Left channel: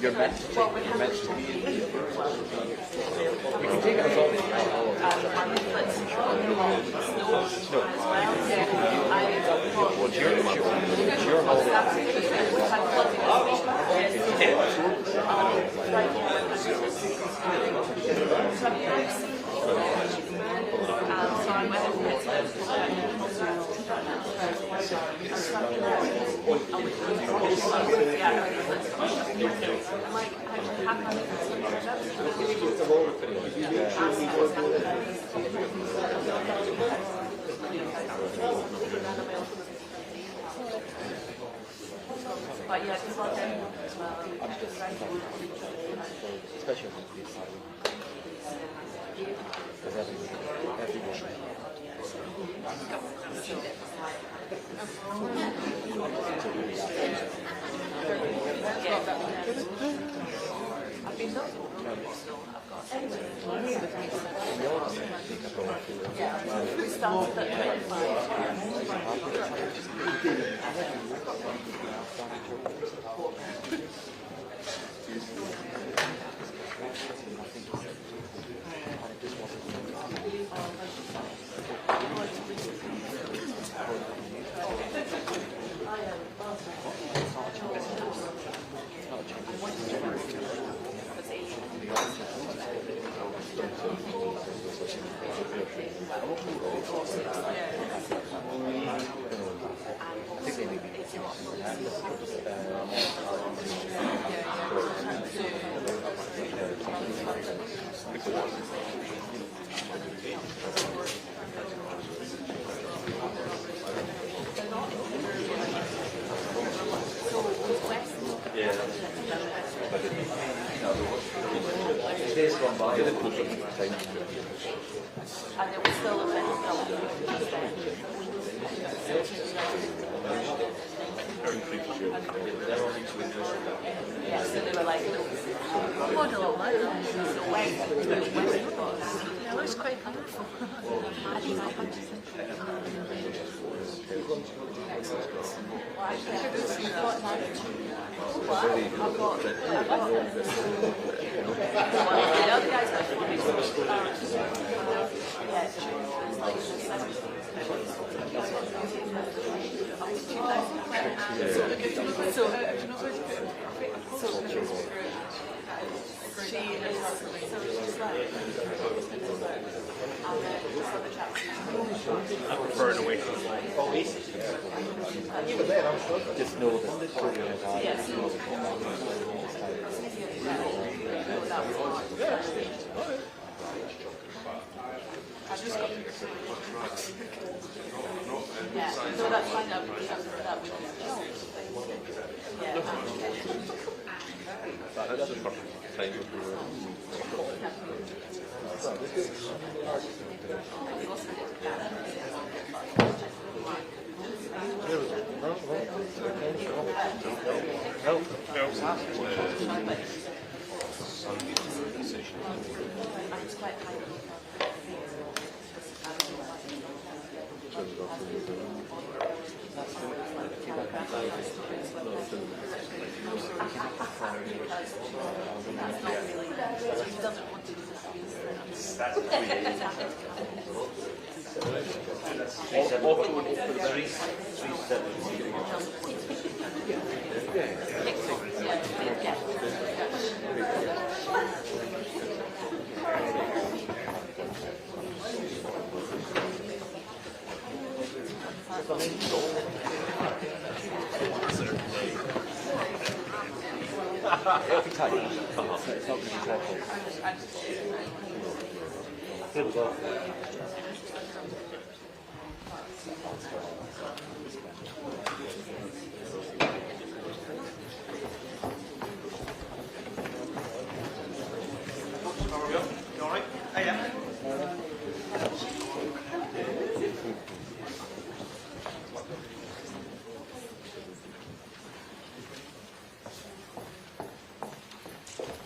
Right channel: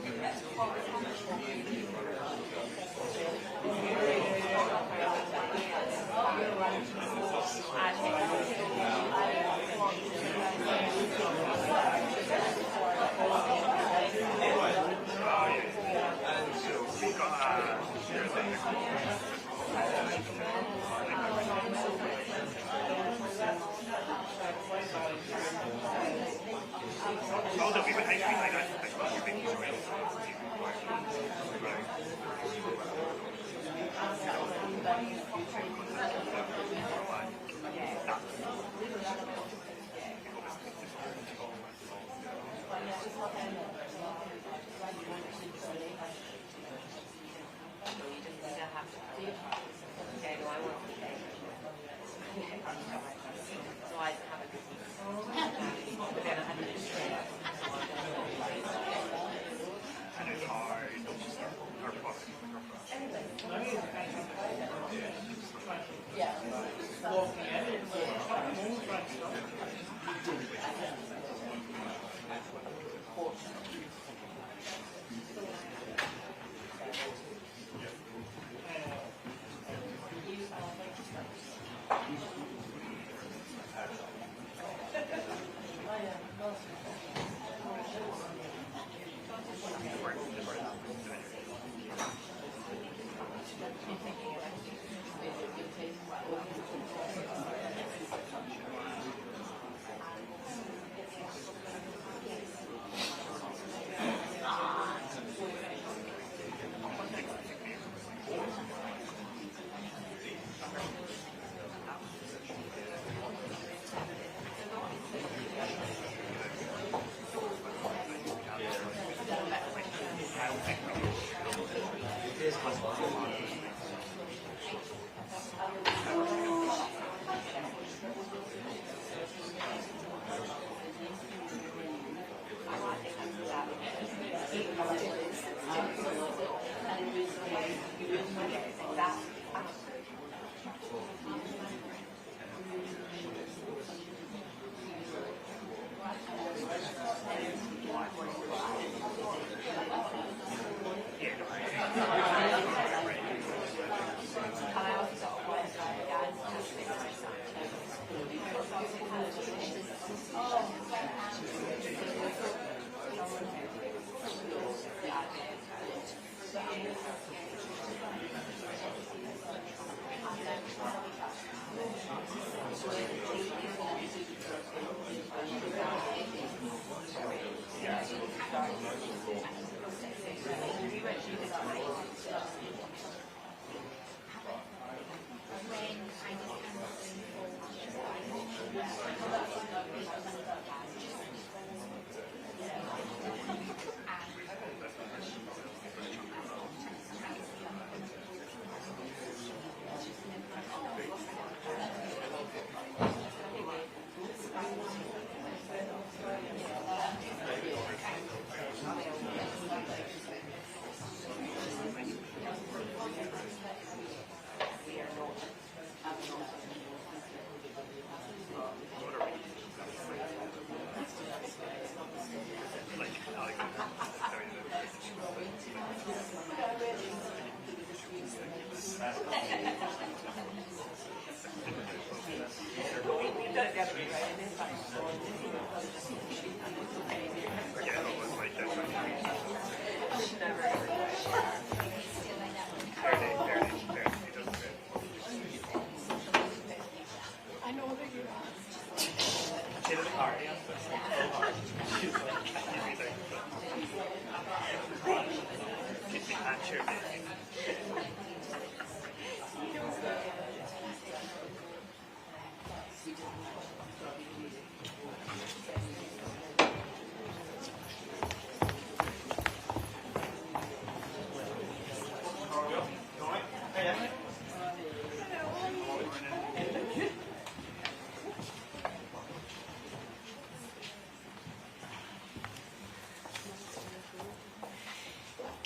You're meant to be in here. We can take it as all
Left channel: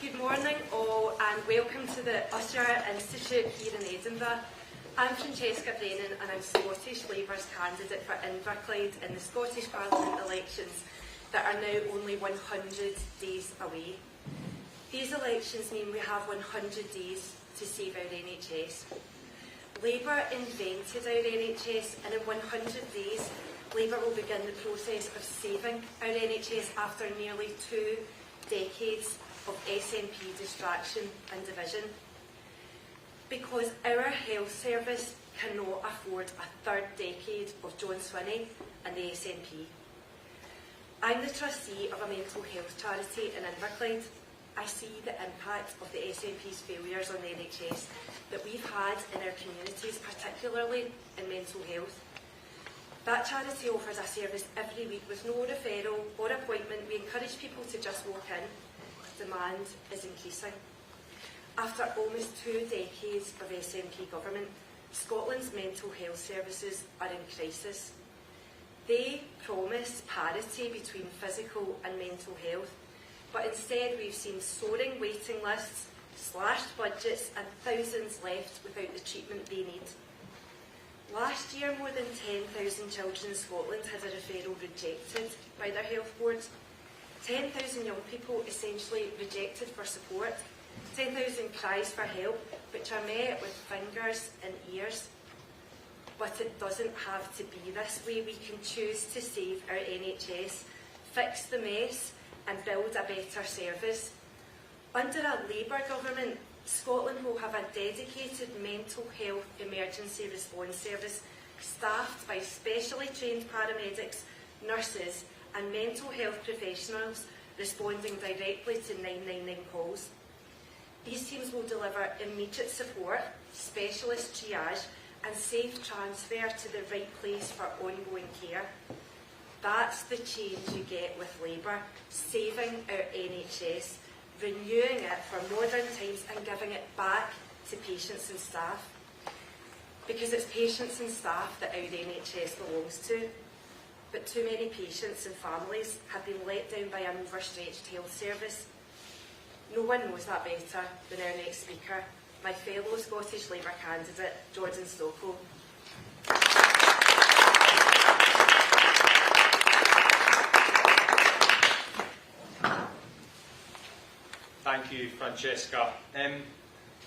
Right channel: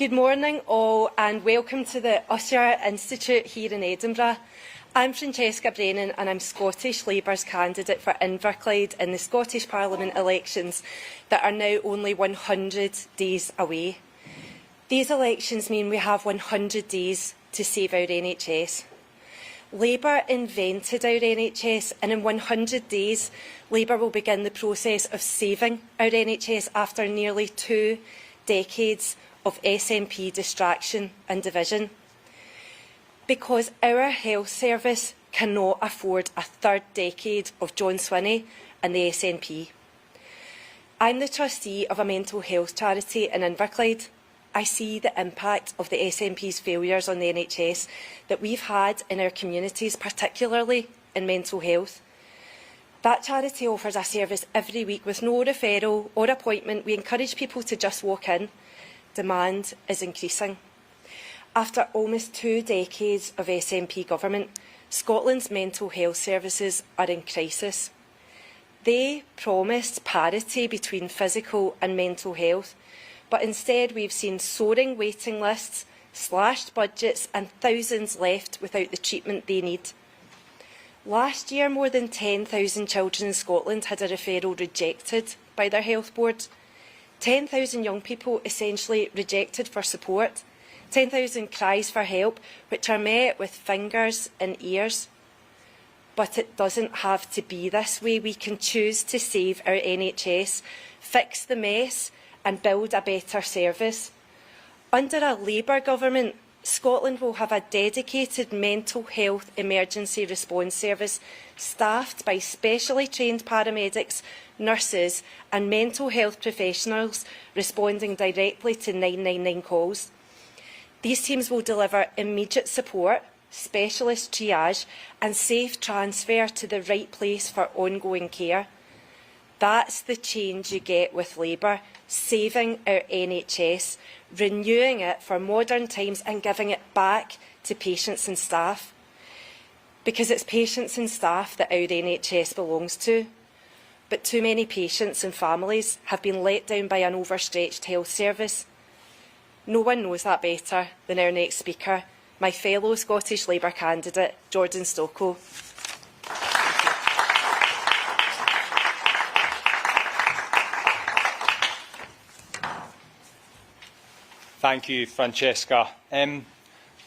Good morning all and welcome to the Usher Institute here in Edinburgh. I'm Francesca Brennan and I'm Scottish Labour's candidate for Inverclyde in the Scottish Parliament elections that are now only 100 days away. These elections mean we have 100 days to save our NHS. Labour invented our NHS, and in 100 days, Labour will begin the process of saving our NHS after nearly 2 decades of SNP distraction and division. Because our health service cannot afford a third decade of John Swinney and the SNP. I'm the trustee of a mental health charity in Inverclyde. I see the impact of the SNP's failures on the NHS that we've had in our communities, particularly in mental health. That charity offers a service every week with no referral or appointment. We encourage people to just walk in. Demand is increasing. After almost 2 decades of SNP government, Scotland's mental health services are in crisis. They promised parity between physical and mental health, but instead we've seen soaring waiting lists, slashed budgets and thousands left without the treatment they need. Last year, more than 10,000 children in Scotland had a referral rejected by their health board. 10,000 young people essentially rejected for support. 10,000 cries for help, which are met with fingers and ears. But it doesn't have to be this way. We can choose to save our NHS, fix the mess and build a better service. Under a Labour government, Scotland will have a dedicated mental health emergency response service staffed by specially trained paramedics, nurses and mental health professionals responding directly to 999 calls. These teams will deliver immediate support, specialist triage and safe transfer to the right place for ongoing care. That's the change you get with Labour, saving our NHS, renewing it for modern times and giving it back to patients and staff. Because it's patients and staff that our NHS belongs to. But too many patients and families have been let down by an overstretched health service. No one knows that better than our next speaker, my fellow Scottish Labour candidate, Jordan Stocko. Thank you, Francesca.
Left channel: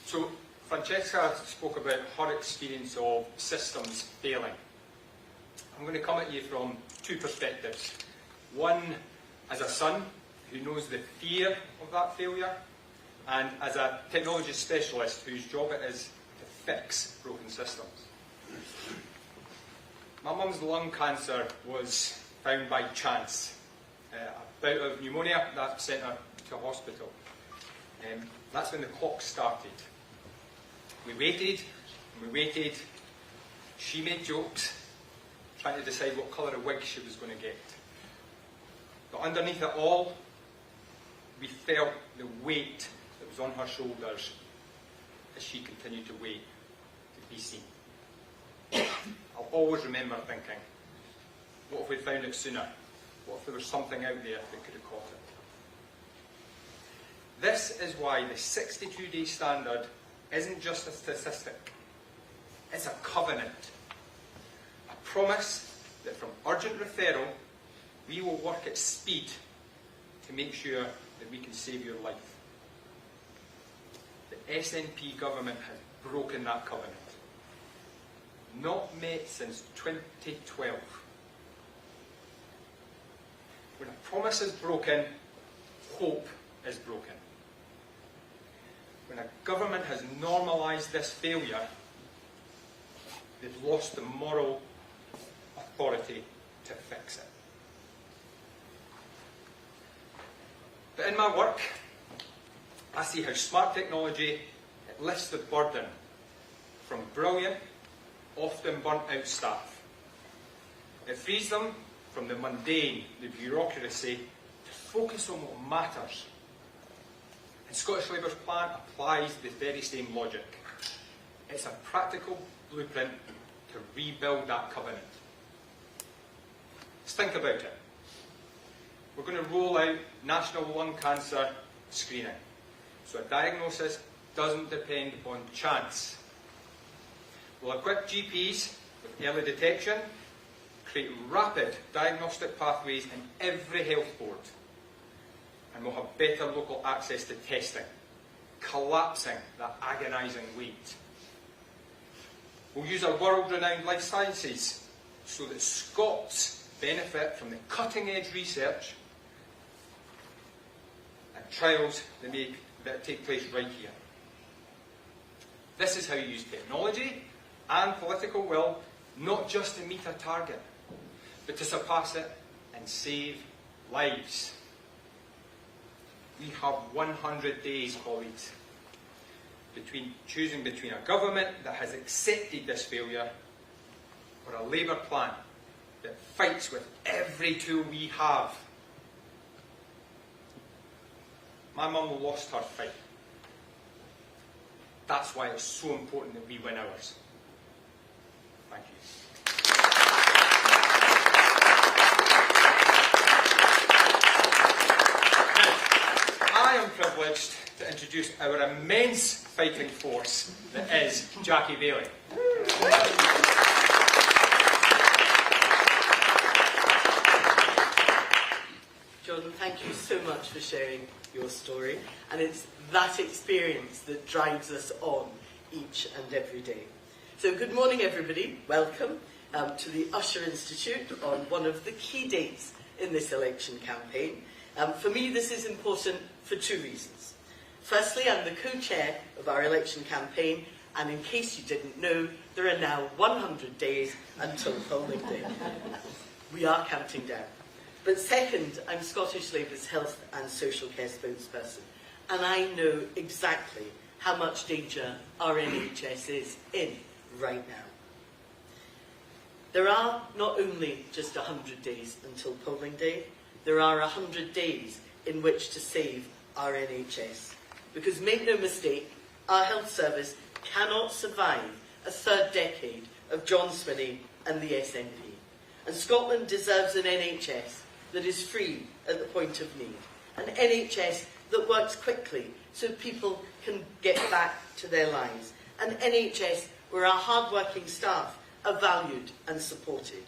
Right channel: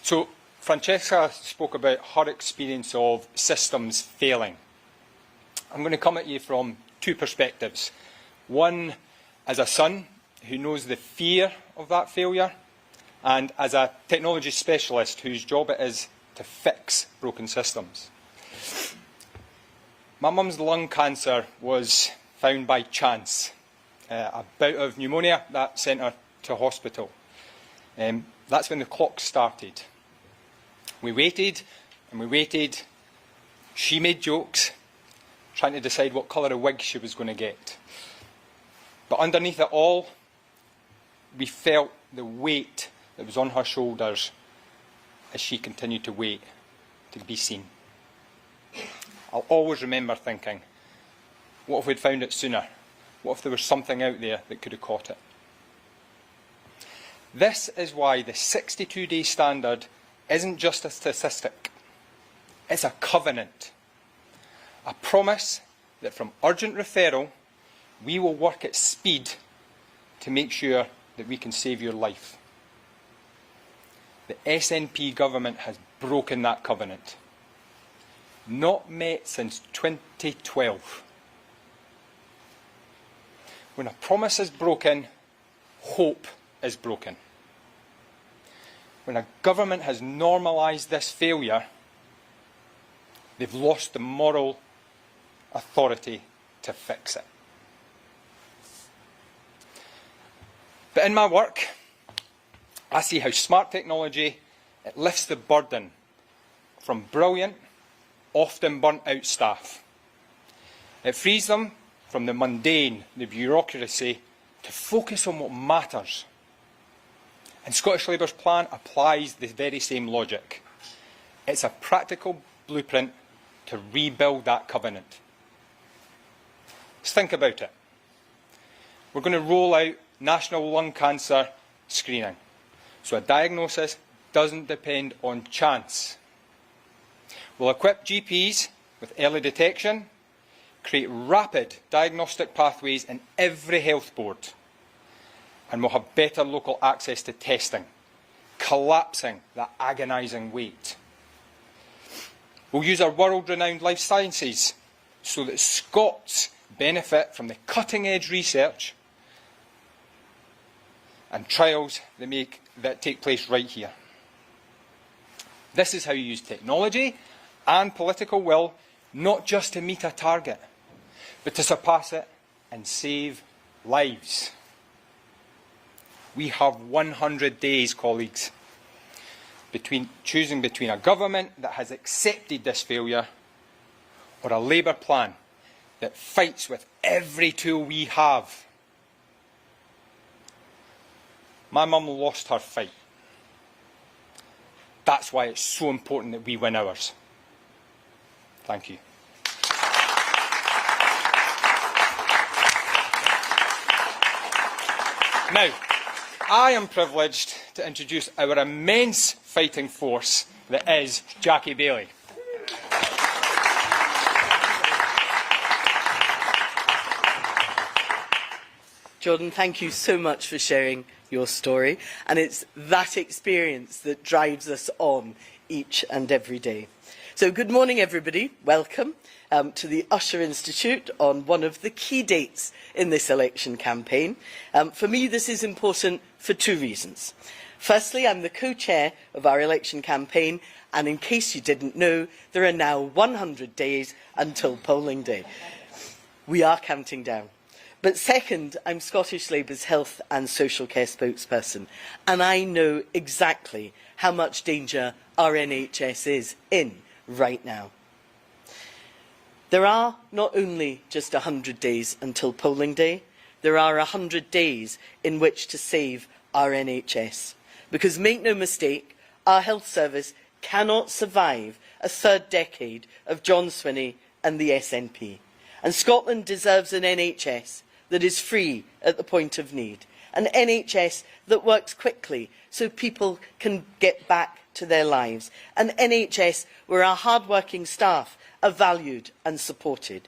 So Francesca spoke about her experience of systems failing. I'm going to come at you from 2 perspectives. One, as a son who knows the fear of that failure, and as a technology specialist whose job it is to fix broken systems. My mum's lung cancer was found by chance. A bout of pneumonia that sent her to hospital. That's when the clock started. We waited and we waited. She made jokes, trying to decide what colour of wig she was going to get. But underneath it all, we felt the weight that was on her shoulders as she continued to wait to be seen. I'll always remember thinking, what if we'd found it sooner? What if there was something out there that could have caught it? This is why the 62-day standard isn't just a statistic. It's a covenant. A promise that from urgent referral, we will work at speed to make sure that we can save your life. The SNP government has broken that covenant. Not met since 2012. When a promise is broken, hope is broken. When a government has normalised this failure, they've lost the moral authority to fix it. But in my work, I see how smart technology, it lifts the burden from brilliant, often burnt out staff. It frees them from the mundane, the bureaucracy, to focus on what matters. And Scottish Labour's plan applies the very same logic. It's a practical blueprint to rebuild that covenant. Let's think about it. We're going to roll out national lung cancer screening. So a diagnosis doesn't depend on chance. We'll equip GPs with early detection, create rapid diagnostic pathways in every health board, and we'll have better local access to testing, collapsing that agonising wait. We'll use our world-renowned life sciences so that Scots benefit from the cutting-edge research and trials that take place right here. This is how you use technology and political will, not just to meet a target, but to surpass it and save lives. We have 100 days, colleagues, choosing between a government that has accepted this failure or a Labour plan that fights with every tool we have. My mum lost her fight. That's why it's so important that we win ours. Thank you. Now, I am privileged to introduce our immense fighting force that is Jackie Baillie. Jordan, thank you so much for sharing your story, and it's that experience that drives us on each and every day. So good morning everybody, welcome to the Usher Institute on one of the key dates in this election campaign. For me this is important for two reasons. Firstly, I'm the co-chair of our election campaign, and in case you didn't know, there are now 100 days until polling day. We are counting down. But second, I'm Scottish Labour's health and social care spokesperson, and I know exactly how much danger our NHS is in right now. There are not only just 100 days until polling day, there are 100 days in which to save our NHS. Because make no mistake, our health service cannot survive a third decade of John Swinney and the SNP. And Scotland deserves an NHS that is free at the point of need, an NHS that works quickly so people can get back to their lives, an NHS where our hard-working staff are valued and supported.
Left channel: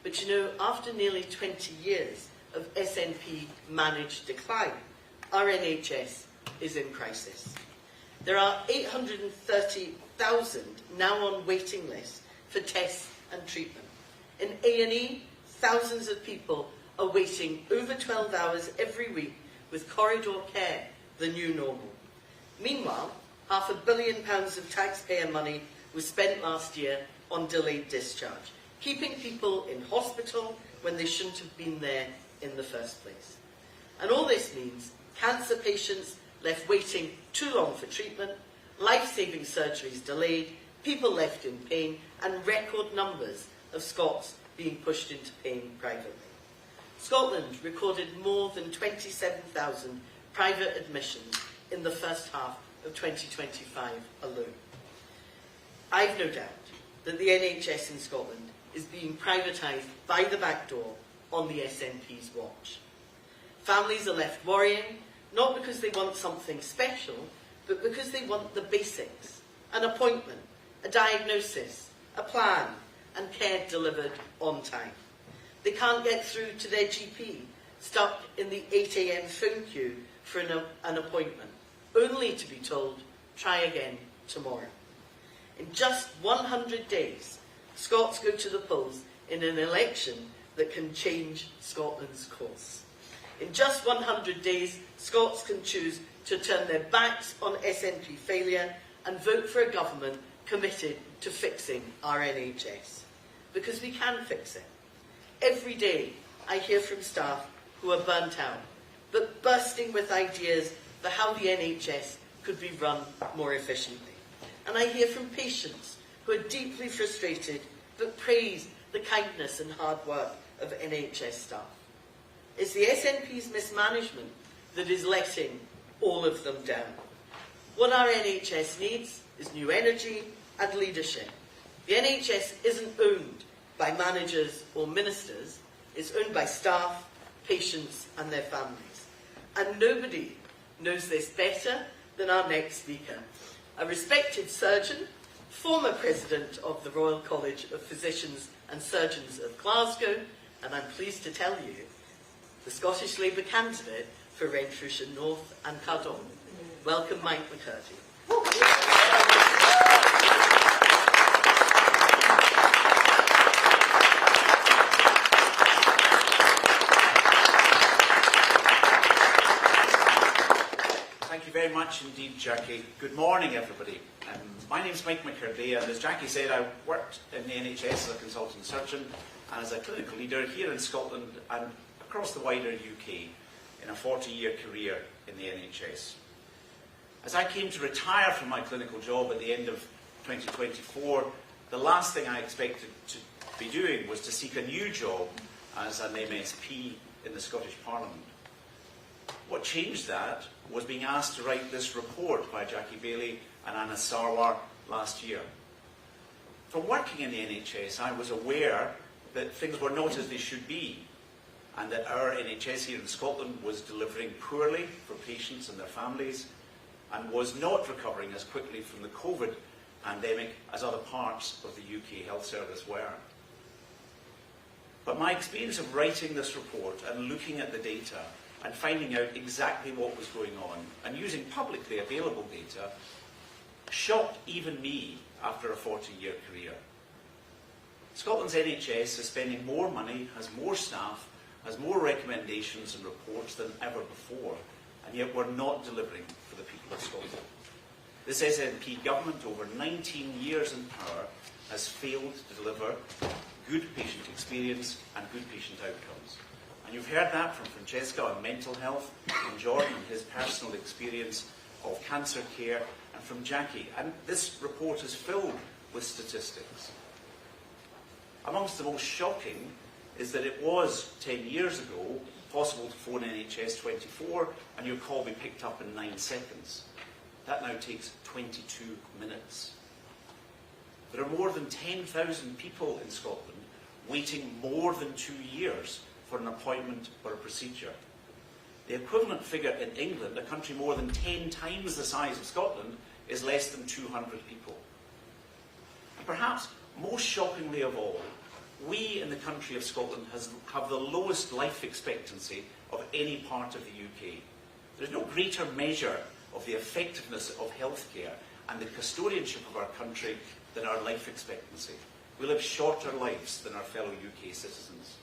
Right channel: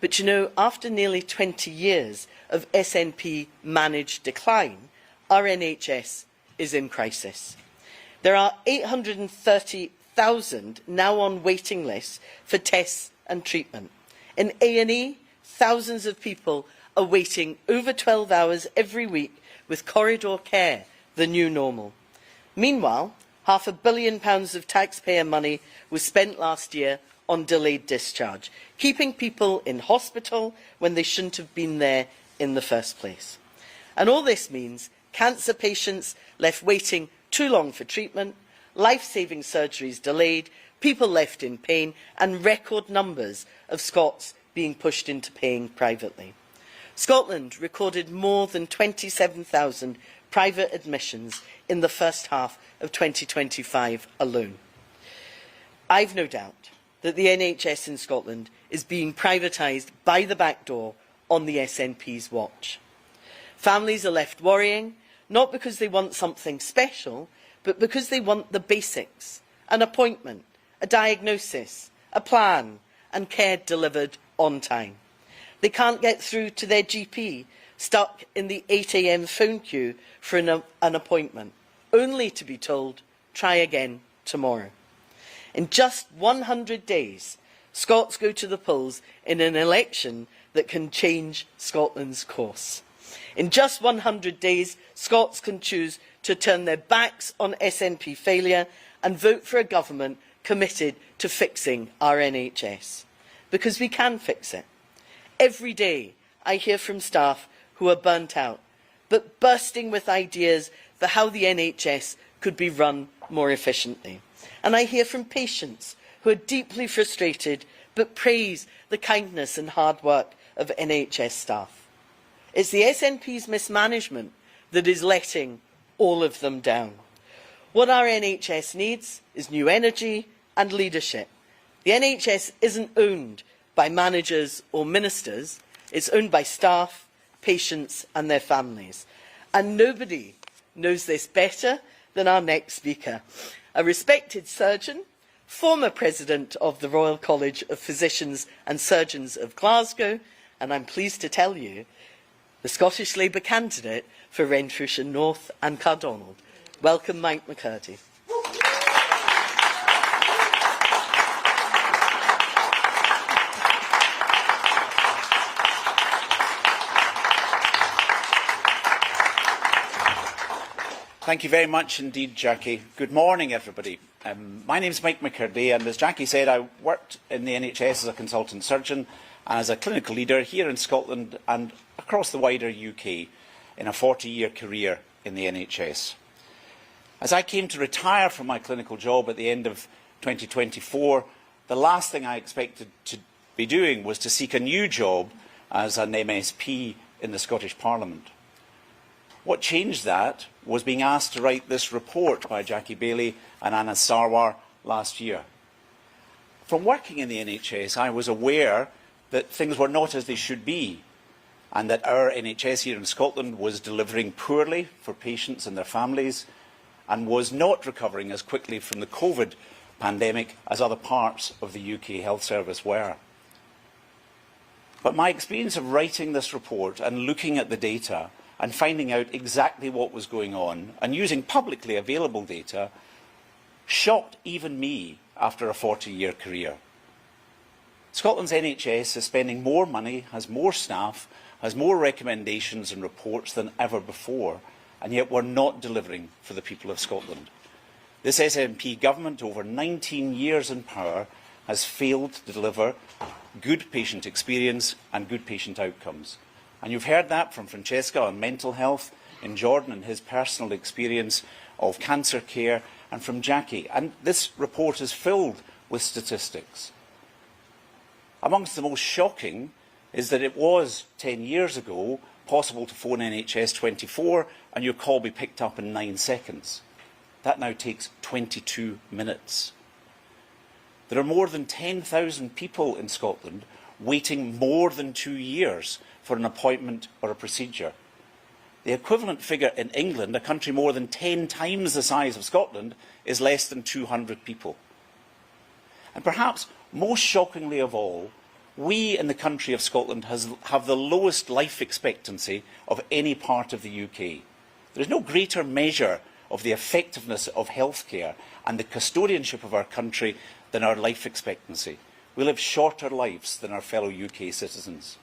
But you know, after nearly 20 years of SNP-managed decline, our NHS is in crisis. There are 830,000 now on waiting lists for tests and treatment. In A&E, thousands of people are waiting over 12 hours every week with corridor care, the new normal. Meanwhile, £500 million of taxpayer money was spent last year on delayed discharge, keeping people in hospital when they shouldn't have been there in the first place. And all this means cancer patients left waiting too long for treatment, life-saving surgeries delayed, people left in pain, and record numbers of Scots being pushed into paying privately. Scotland recorded more than 27,000 private admissions in the first half of 2025 alone. I've no doubt that the NHS in Scotland is being privatised by the back door on the SNP's watch. Families are left worrying, not because they want something special, but because they want the basics: an appointment, a diagnosis, a plan, and care delivered on time. They can't get through to their GP, stuck in the 8 AM phone queue for an appointment, only to be told, try again tomorrow. In just 100 days, Scots go to the polls in an election that can change Scotland's course. In just 100 days, Scots can choose to turn their backs on SNP failure and vote for a government committed to fixing our NHS. Because we can fix it. Every day I hear from staff who are burnt out, but bursting with ideas for how the NHS could be run more efficiently. And I hear from patients who are deeply frustrated but praise the kindness and hard work of NHS staff. It's the SNP's mismanagement that is letting all of them down. What our NHS needs is new energy and leadership. The NHS isn't owned by managers or ministers, it's owned by staff, patients and their families. And nobody knows this better than our next speaker, a respected surgeon, former president of the Royal College of Physicians and Surgeons of Glasgow, and I'm pleased to tell you, the Scottish Labour candidate for Renfrewshire North and Cardonald. Welcome, Mike McCurdy. Thank you very much indeed, Jackie. Good morning, everybody. My name is Mike McCurdy, and as Jackie said, I worked in the NHS as a consultant surgeon and as a clinical leader here in Scotland and across the wider UK in a 40-year career in the NHS. As I came to retire from my clinical job at the end of 2024, the last thing I expected to be doing was to seek a new job as an MSP in the Scottish Parliament. What changed that was being asked to write this report by Jackie Baillie and Anna Sarwar last year. From working in the NHS, I was aware that things were not as they should be, and that our NHS here in Scotland was delivering poorly for patients and their families, and was not recovering as quickly from the COVID pandemic as other parts of the UK health service were. But my experience of writing this report and looking at the data and finding out exactly what was going on, and using publicly available data, shocked even me after a 40-year career. Scotland's NHS is spending more money, has more staff, has more recommendations and reports than ever before, and yet we're not delivering for the people of Scotland. This SNP government, over 19 years in power, has failed to deliver good patient experience and good patient outcomes. And you've heard that from Francesca on mental health, in Jordan and his personal experience of cancer care, and from Jackie. And this report is filled with statistics. Amongst the most shocking is that it was 10 years ago possible to phone NHS 24 and your call be picked up in 9 seconds. That now takes 22 minutes. There are more than 10,000 people in Scotland waiting more than 2 years for an appointment or a procedure. The equivalent figure in England, a country more than 10 times the size of Scotland, is less than 200 people. And perhaps most shockingly of all, we in the country of Scotland have the lowest life expectancy of any part of the UK. There is no greater measure of the effectiveness of healthcare and the custodianship of our country than our life expectancy. We live shorter lives than our fellow UK citizens.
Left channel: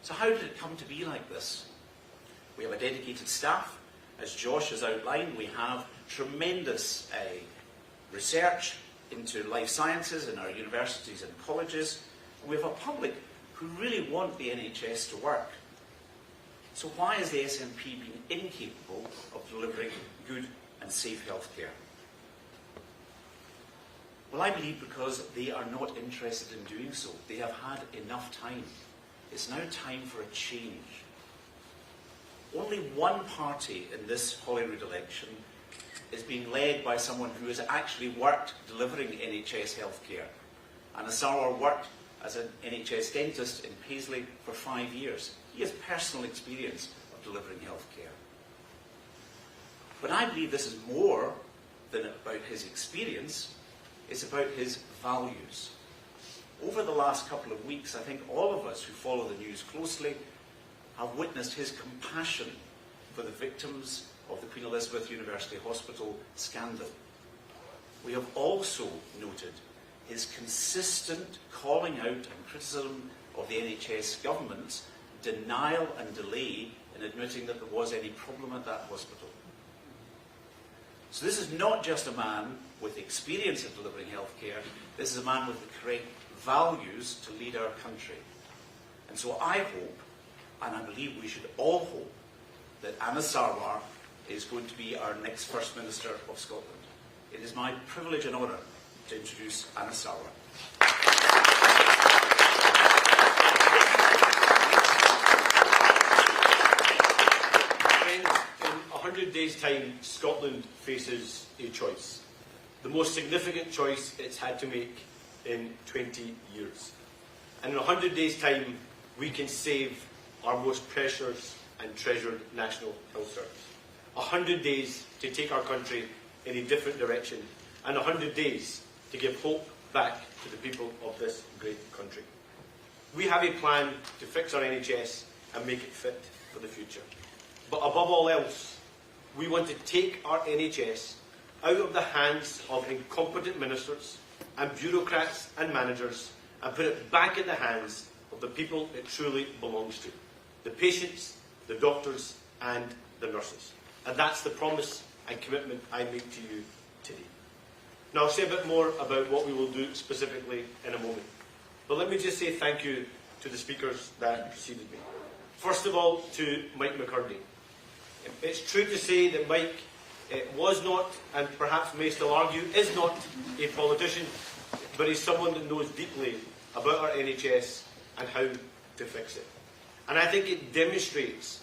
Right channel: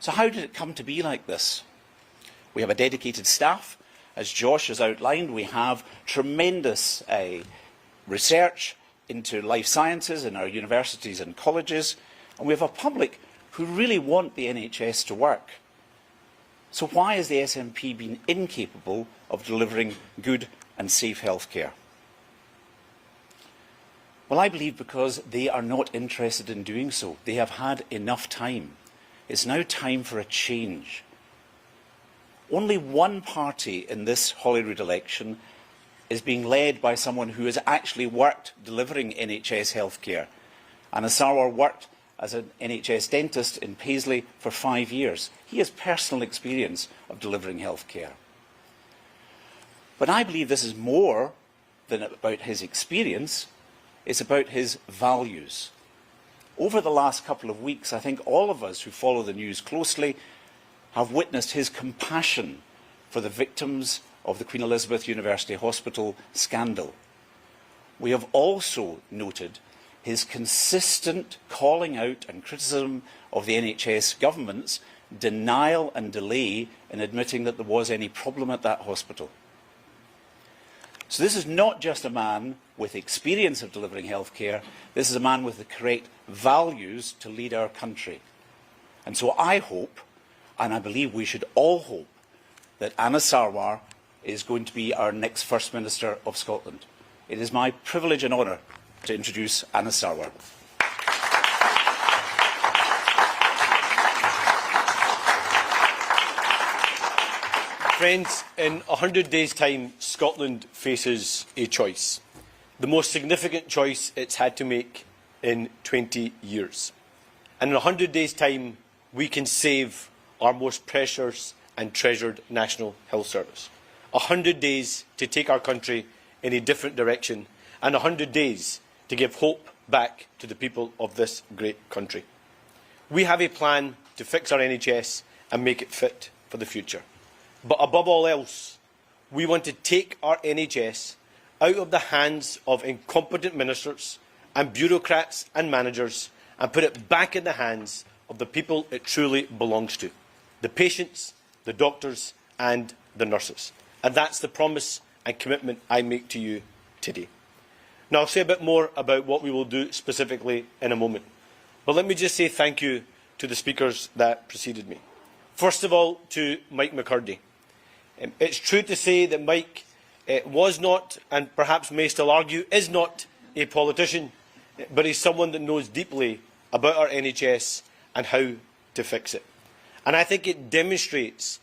So how did it come to be like this? We have a dedicated staff. As Josh has outlined, we have tremendous research into life sciences in our universities and colleges, and we have a public who really want the NHS to work. So why has the SNP been incapable of delivering good and safe healthcare? Well, I believe because they are not interested in doing so. They have had enough time. It's now time for a change. Only one party in this Holyrood election is being led by someone who has actually worked delivering NHS healthcare. Anna Sarwar worked as an NHS dentist in Paisley for 5 years. He has personal experience of delivering healthcare. But I believe this is more than about his experience. It's about his values. Over the last couple of weeks, I think all of us who follow the news closely have witnessed his compassion for the victims of the Queen Elizabeth University Hospital scandal. We have also noted his consistent calling out and criticism of the NHS government's denial and delay in admitting that there was any problem at that hospital. So this is not just a man with experience of delivering healthcare, this is a man with the correct values to lead our country. And so I hope, and I believe we should all hope, that Anna Sarwar is going to be our next First Minister of Scotland. It is my privilege and honour to introduce Anna Sarwar. Friends, in 100 days' time, Scotland faces a choice. The most significant choice it's had to make in 20 years. And in 100 days' time, we can save our most precious and treasured National Health Service. 100 days to take our country in a different direction, and 100 days to give hope back to the people of this great country. We have a plan to fix our NHS and make it fit for the future. But above all else, we want to take our NHS out of the hands of incompetent ministers and bureaucrats and managers and put it back in the hands of the people it truly belongs to, the patients, the doctors and the nurses. And that's the promise and commitment I make to you today. Now, I'll say a bit more about what we will do specifically in a moment. But let me just say thank you to the speakers that preceded me. First of all, to Mike McCurdy. It's true to say that Mike was not, and perhaps may still argue, is not a politician, but he's someone that knows deeply about our NHS and how to fix it. And I think it demonstrates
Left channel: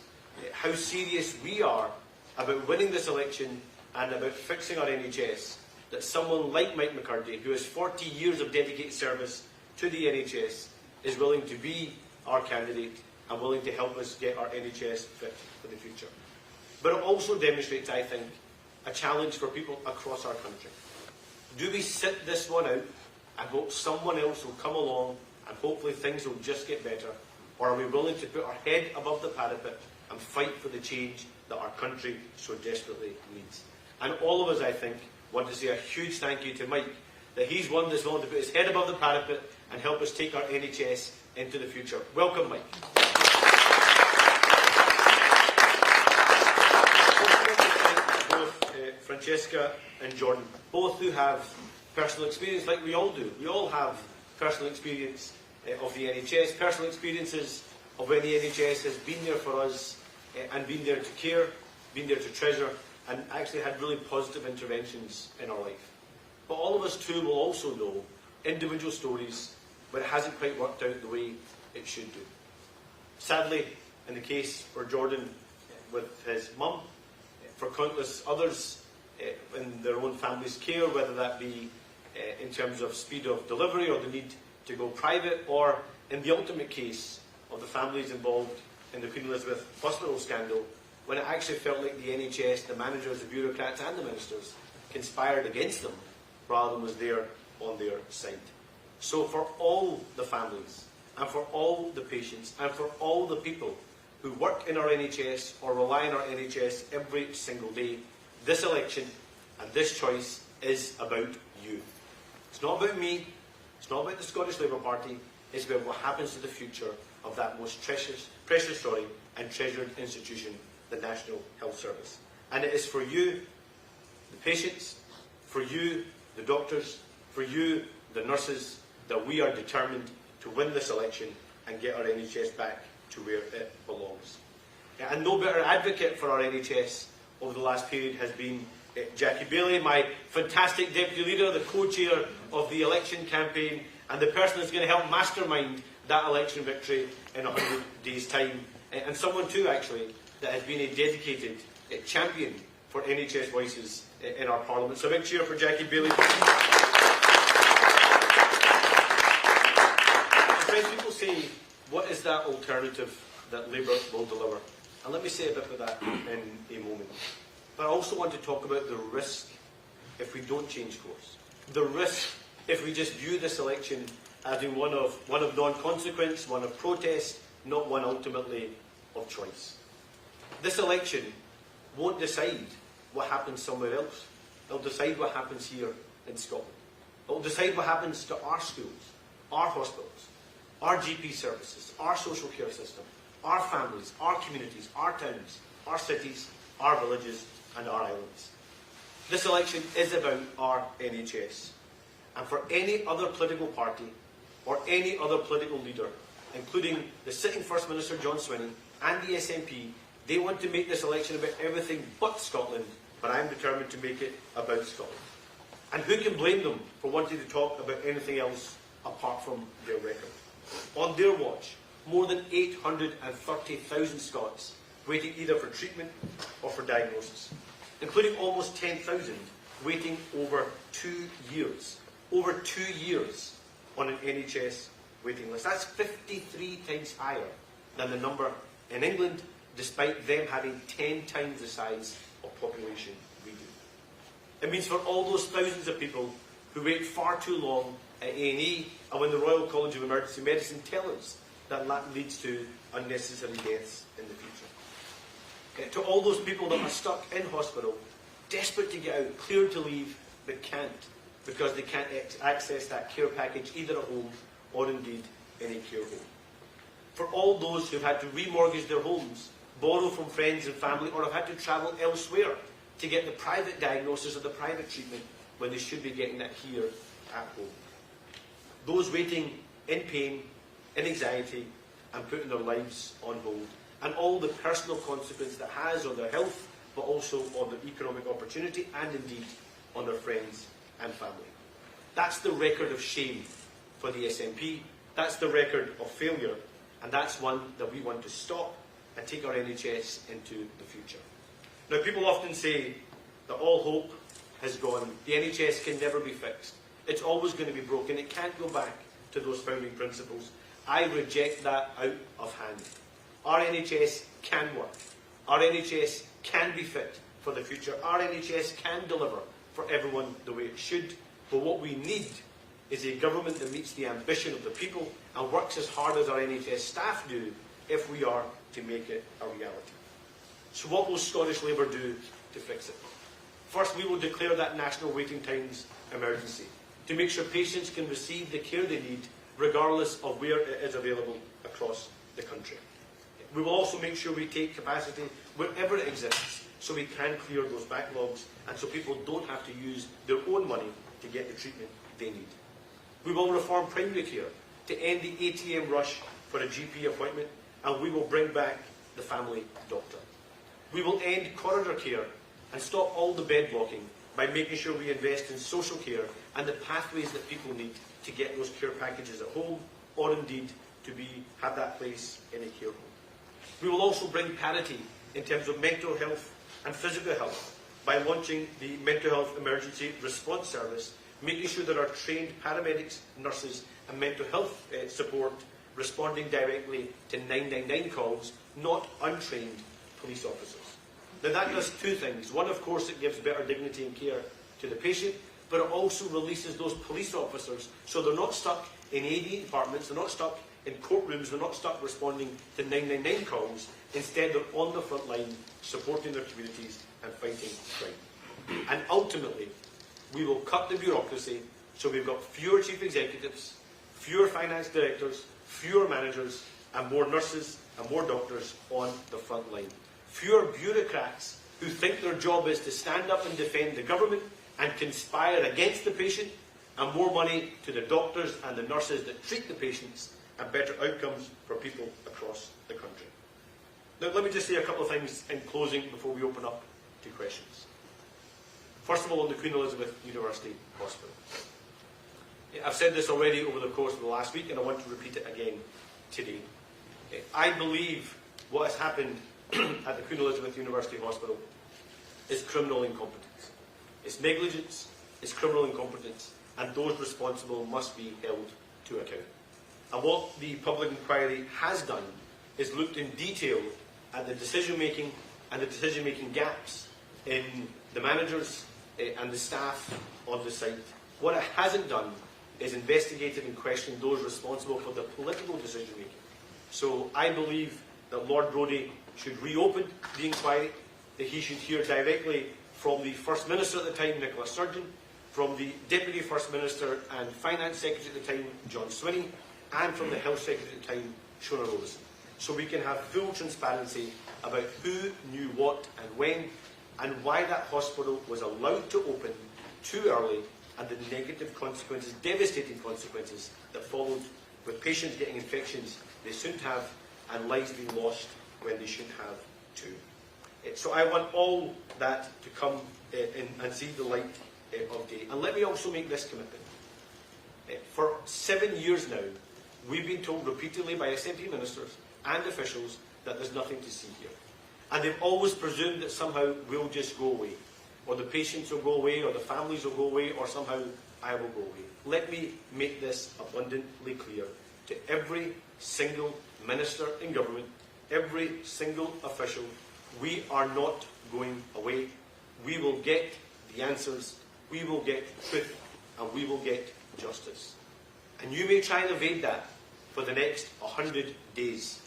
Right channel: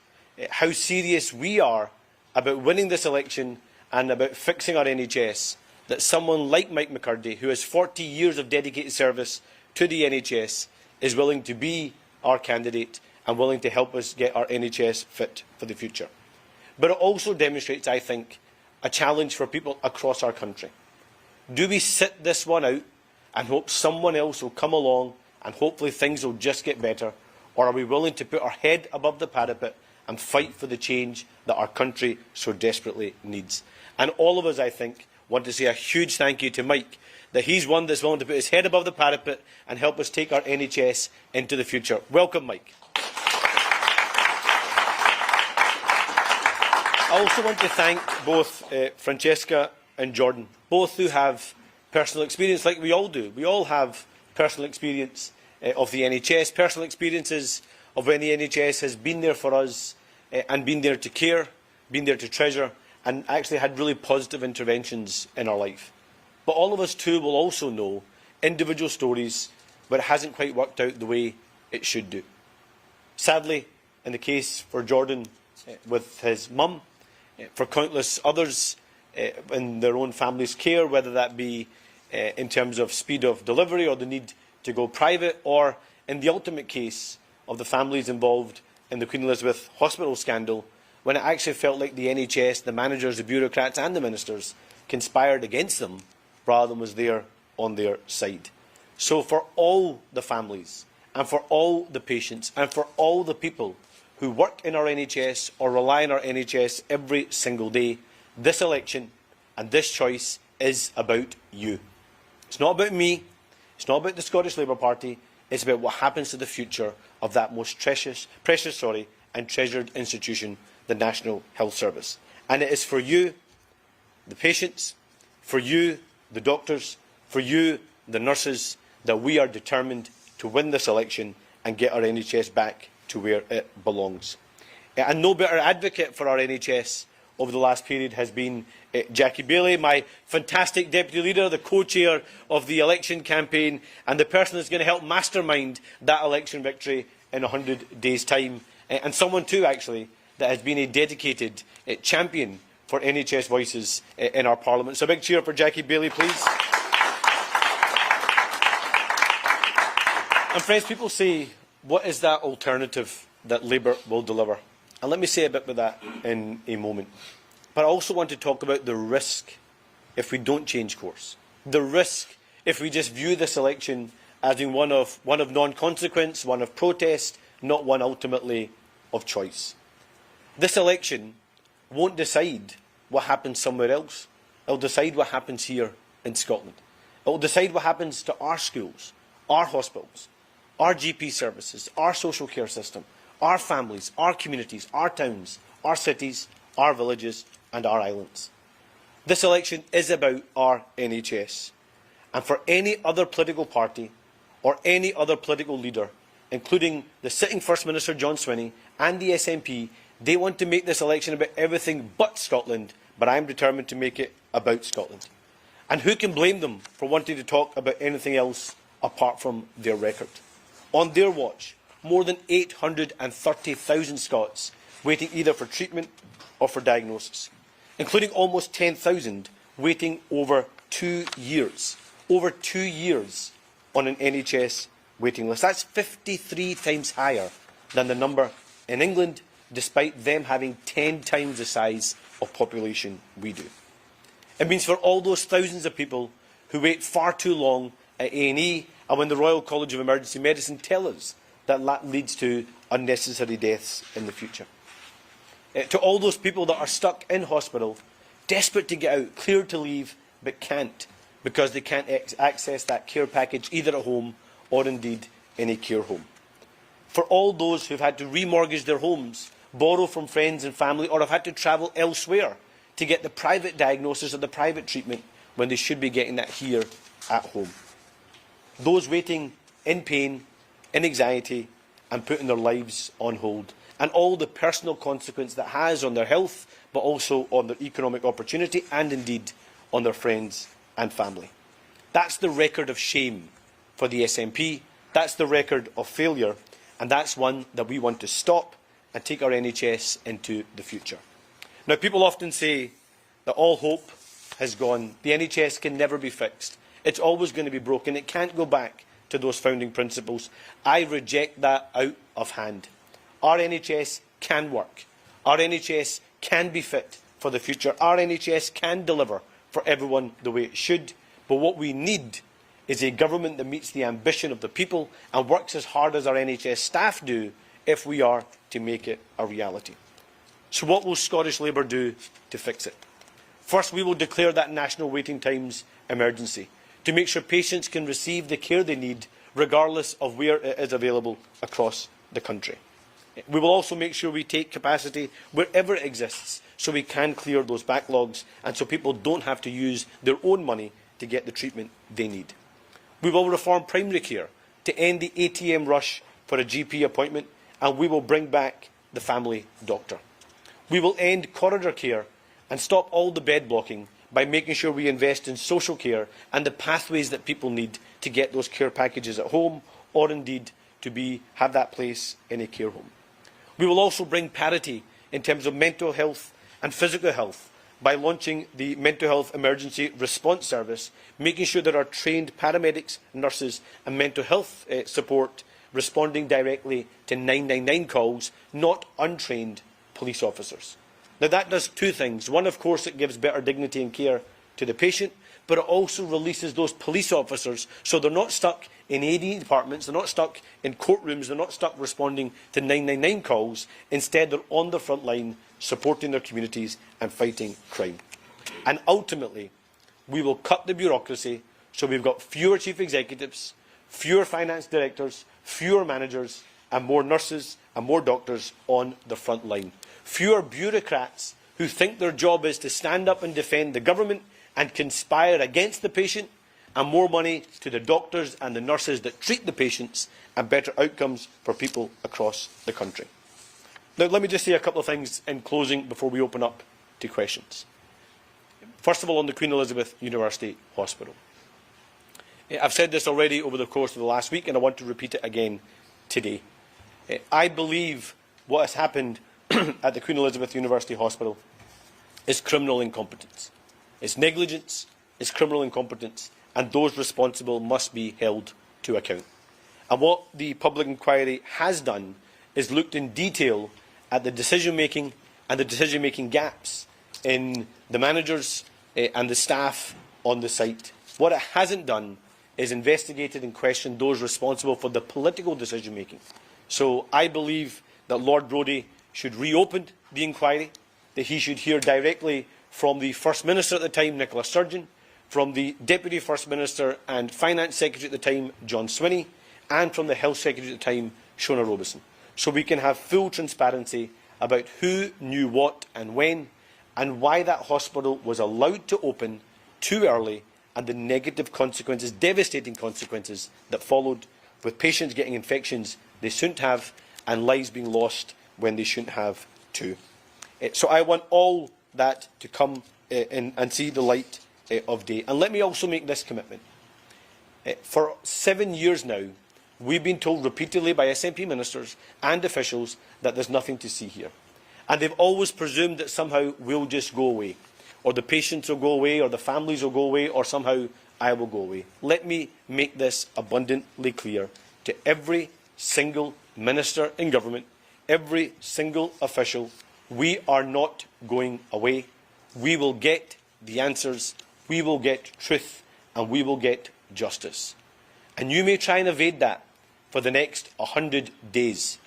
how serious we are about winning this election and about fixing our NHS, that someone like Mike McCurdy, who has 40 years of dedicated service to the NHS, is willing to be our candidate and willing to help us get our NHS fit for the future. But it also demonstrates, I think, a challenge for people across our country. Do we sit this one out and hope someone else will come along and hopefully things will just get better? Or are we willing to put our head above the parapet and fight for the change that our country so desperately needs? And all of us, I think, want to say a huge thank you to Mike, that he's one that's willing to put his head above the parapet and help us take our NHS into the future. Welcome, Mike. I also want to thank both Francesca and Jordan, both who have personal experience like we all do. We all have personal experience of the NHS, personal experiences of when the NHS has been there for us and been there to care, been there to treasure, and actually had really positive interventions in our life. But all of us too will also know individual stories where it hasn't quite worked out the way it should do. Sadly, in the case for Jordan with his mum, for countless others in their own family's care, whether that be in terms of speed of delivery or the need to go private, or in the ultimate case of the families involved in the Queen Elizabeth Hospital scandal, when it actually felt like the NHS, the managers, the bureaucrats and the ministers conspired against them rather than was there on their side. So for all the families and for all the patients and for all the people who work in our NHS or rely on our NHS every single day, this election and this choice is about you. It's not about me, it's not about the Scottish Labour Party, it's about what happens to the future of that most precious and treasured institution, the National Health Service. And it is for you, the patients, for you, the doctors, for you, the nurses, that we are determined to win this election and get our NHS back to where it belongs. And no better advocate for our NHS over the last period has been Jackie Baillie, my fantastic deputy leader, the co-chair of the election campaign, and the person that's going to help mastermind that election victory in 100 days' time. And someone too, actually, that has been a dedicated champion for NHS voices in our Parliament. So a big cheer for Jackie Baillie, please. And friends, people say, what is that alternative that Labour will deliver? And let me say a bit about that in a moment. But I also want to talk about the risk if we don't change course. The risk if we just view this election as being one of non-consequence, one of protest, not one ultimately of choice. This election won't decide what happens somewhere else. It will decide what happens here in Scotland. It will decide what happens to our schools, our hospitals, our GP services, our social care system, our families, our communities, our towns, our cities, our villages and our islands. This election is about our NHS. And for any other political party or any other political leader, including the sitting First Minister John Swinney and the SNP, they want to make this election about everything but Scotland, but I'm determined to make it about Scotland. And who can blame them for wanting to talk about anything else apart from their record? On their watch, more than 830,000 Scots waiting either for treatment or for diagnosis, including almost 10,000 waiting over 2 years. Over 2 years on an NHS waiting list. That's 53 times higher than the number in England, despite them having 10 times the size of population we do. It means for all those thousands of people who wait far too long at A&E, and when the Royal College of Emergency Medicine tell us that that leads to unnecessary deaths in the future. To all those people that are stuck in hospital, desperate to get out, cleared to leave, but can't, because they can't access that care package either at home or indeed in a care home. For all those who've had to remortgage their homes, borrow from friends and family, or have had to travel elsewhere to get the private diagnosis or the private treatment when they should be getting that here at home. Those waiting in pain, in anxiety, and putting their lives on hold, and all the personal consequence that has on their health, but also on their economic opportunity, and indeed on their friends and family. That's the record of shame for the SNP. That's the record of failure, and that's one that we want to stop and take our NHS into the future. Now, people often say that all hope has gone. The NHS can never be fixed. It's always going to be broken. It can't go back to those founding principles. I reject that out of hand. Our NHS can work. Our NHS can be fit for the future. Our NHS can deliver for everyone the way it should. But what we need is a government that meets the ambition of the people and works as hard as our NHS staff do if we are to make it a reality. So what will Scottish Labour do to fix it? First, we will declare that national waiting times emergency to make sure patients can receive the care they need regardless of where it is available across the country. We will also make sure we take capacity wherever it exists so we can clear those backlogs and so people don't have to use their own money to get the treatment they need. We will reform primary care to end the ATM rush for a GP appointment, and we will bring back the family doctor. We will end corridor care and stop all the bed blocking by making sure we invest in social care and the pathways that people need to get those care packages at home or indeed to have that place in a care home. We will also bring parity in terms of mental health and physical health by launching the Mental Health Emergency Response Service, making sure there are trained paramedics, nurses and mental health support responding directly to 999 calls, not untrained police officers. Now that does two things. One, of course, it gives better dignity and care to the patient, but it also releases those police officers so they're not stuck in A&E departments, they're not stuck in courtrooms, they're not stuck responding to 999 calls. Instead, they're on the front line supporting their communities and fighting crime. And ultimately, we will cut the bureaucracy so we've got fewer chief executives, fewer finance directors, fewer managers and more nurses and more doctors on the front line. Fewer bureaucrats who think their job is to stand up and defend the government and conspire against the patient, and more money to the doctors and the nurses that treat the patients and better outcomes for people across the country. Now, let me just say a couple of things in closing before we open up to questions. First of all, on the Queen Elizabeth University Hospital. I've said this already over the course of the last week and I want to repeat it again today. I believe what has happened at the Queen Elizabeth University Hospital is criminal incompetence. It's negligence, it's criminal incompetence, and those responsible must be held to account. And what the public inquiry has done is looked in detail at the decision-making and the decision-making gaps in the managers and the staff on the site. What it hasn't done is investigated and questioned those responsible for the political decision-making. So I believe that Lord Brodie should reopen the inquiry, that he should hear directly from the First Minister at the time, Nicola Sturgeon, from the Deputy First Minister and Finance Secretary at the time, John Swinney, and from the Health Secretary at the time, Shona Robeson. So we can have full transparency about who knew what and when, and why that hospital was allowed to open too early, and the negative consequences, devastating consequences, that followed, with patients getting infections they shouldn't have and lives being lost when they shouldn't have too. So I want all that to come in and see the light of day. And let me also make this commitment. For 7 years now, we've been told repeatedly by SNP ministers and officials that there's nothing to see here. And they've always presumed that somehow we'll just go away, or the patients will go away, or the families will go away, or somehow I will go away. Let me make this abundantly clear to every single minister in government, every single official: we are not going away. We will get the answers, we will get truth, and we will get justice. And you may try and evade that for the next 100 days.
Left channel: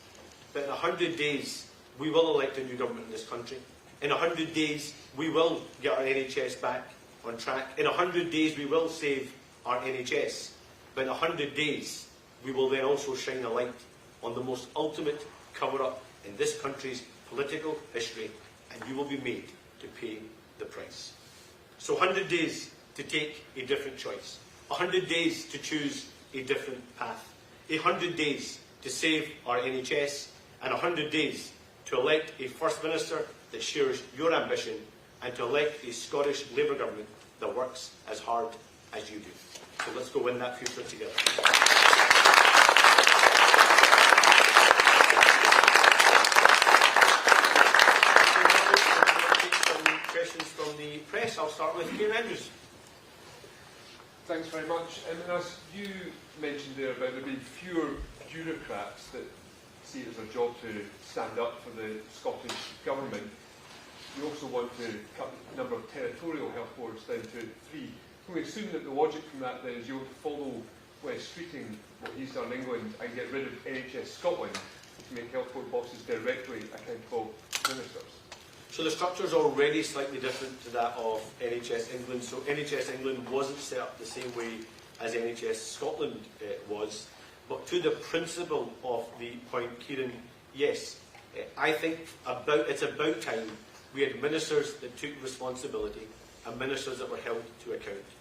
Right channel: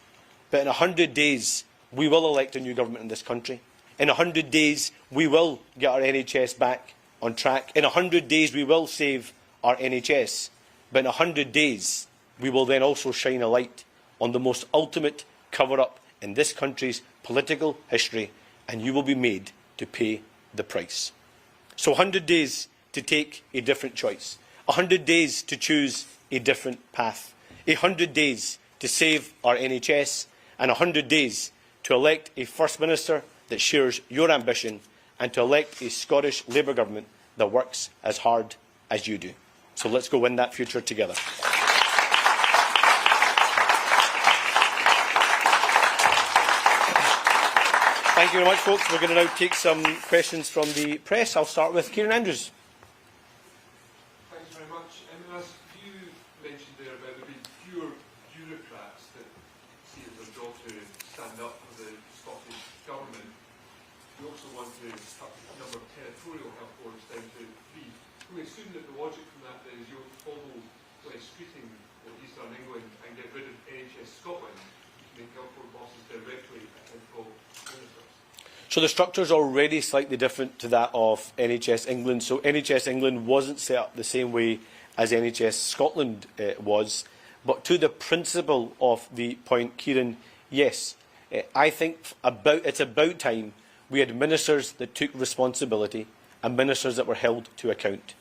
But in 100 days, we will elect a new government in this country. In 100 days, we will get our NHS back on track. In 100 days, we will save our NHS. But in 100 days, we will then also shine a light on the most ultimate cover-up in this country's political history, and you will be made to pay the price. So 100 days to take a different choice. 100 days to choose a different path. 100 days to save our NHS, and 100 days to elect a First Minister that shares your ambition, and to elect a Scottish Labour government that works as hard as you do. So let's go win that future together. Thank you very much, folks. We're going to now take some questions from the press. I'll start with Kieran Andrews. Thanks very much. As you mentioned there about there being fewer bureaucrats that see it as a job to stand up for the Scottish Government, you also want to cut the number of territorial health boards down to 3. Can we assume that the logic from that then is you'll follow West Streeting what he's done in England and get rid of NHS Scotland to make health board bosses directly accountable ministers? So the structure is already slightly different to that of NHS England. So NHS England wasn't set up the same way as NHS Scotland was. But to the principle of the point, Kieran, yes, I think it's about time we had ministers that took responsibility and ministers that were held to account.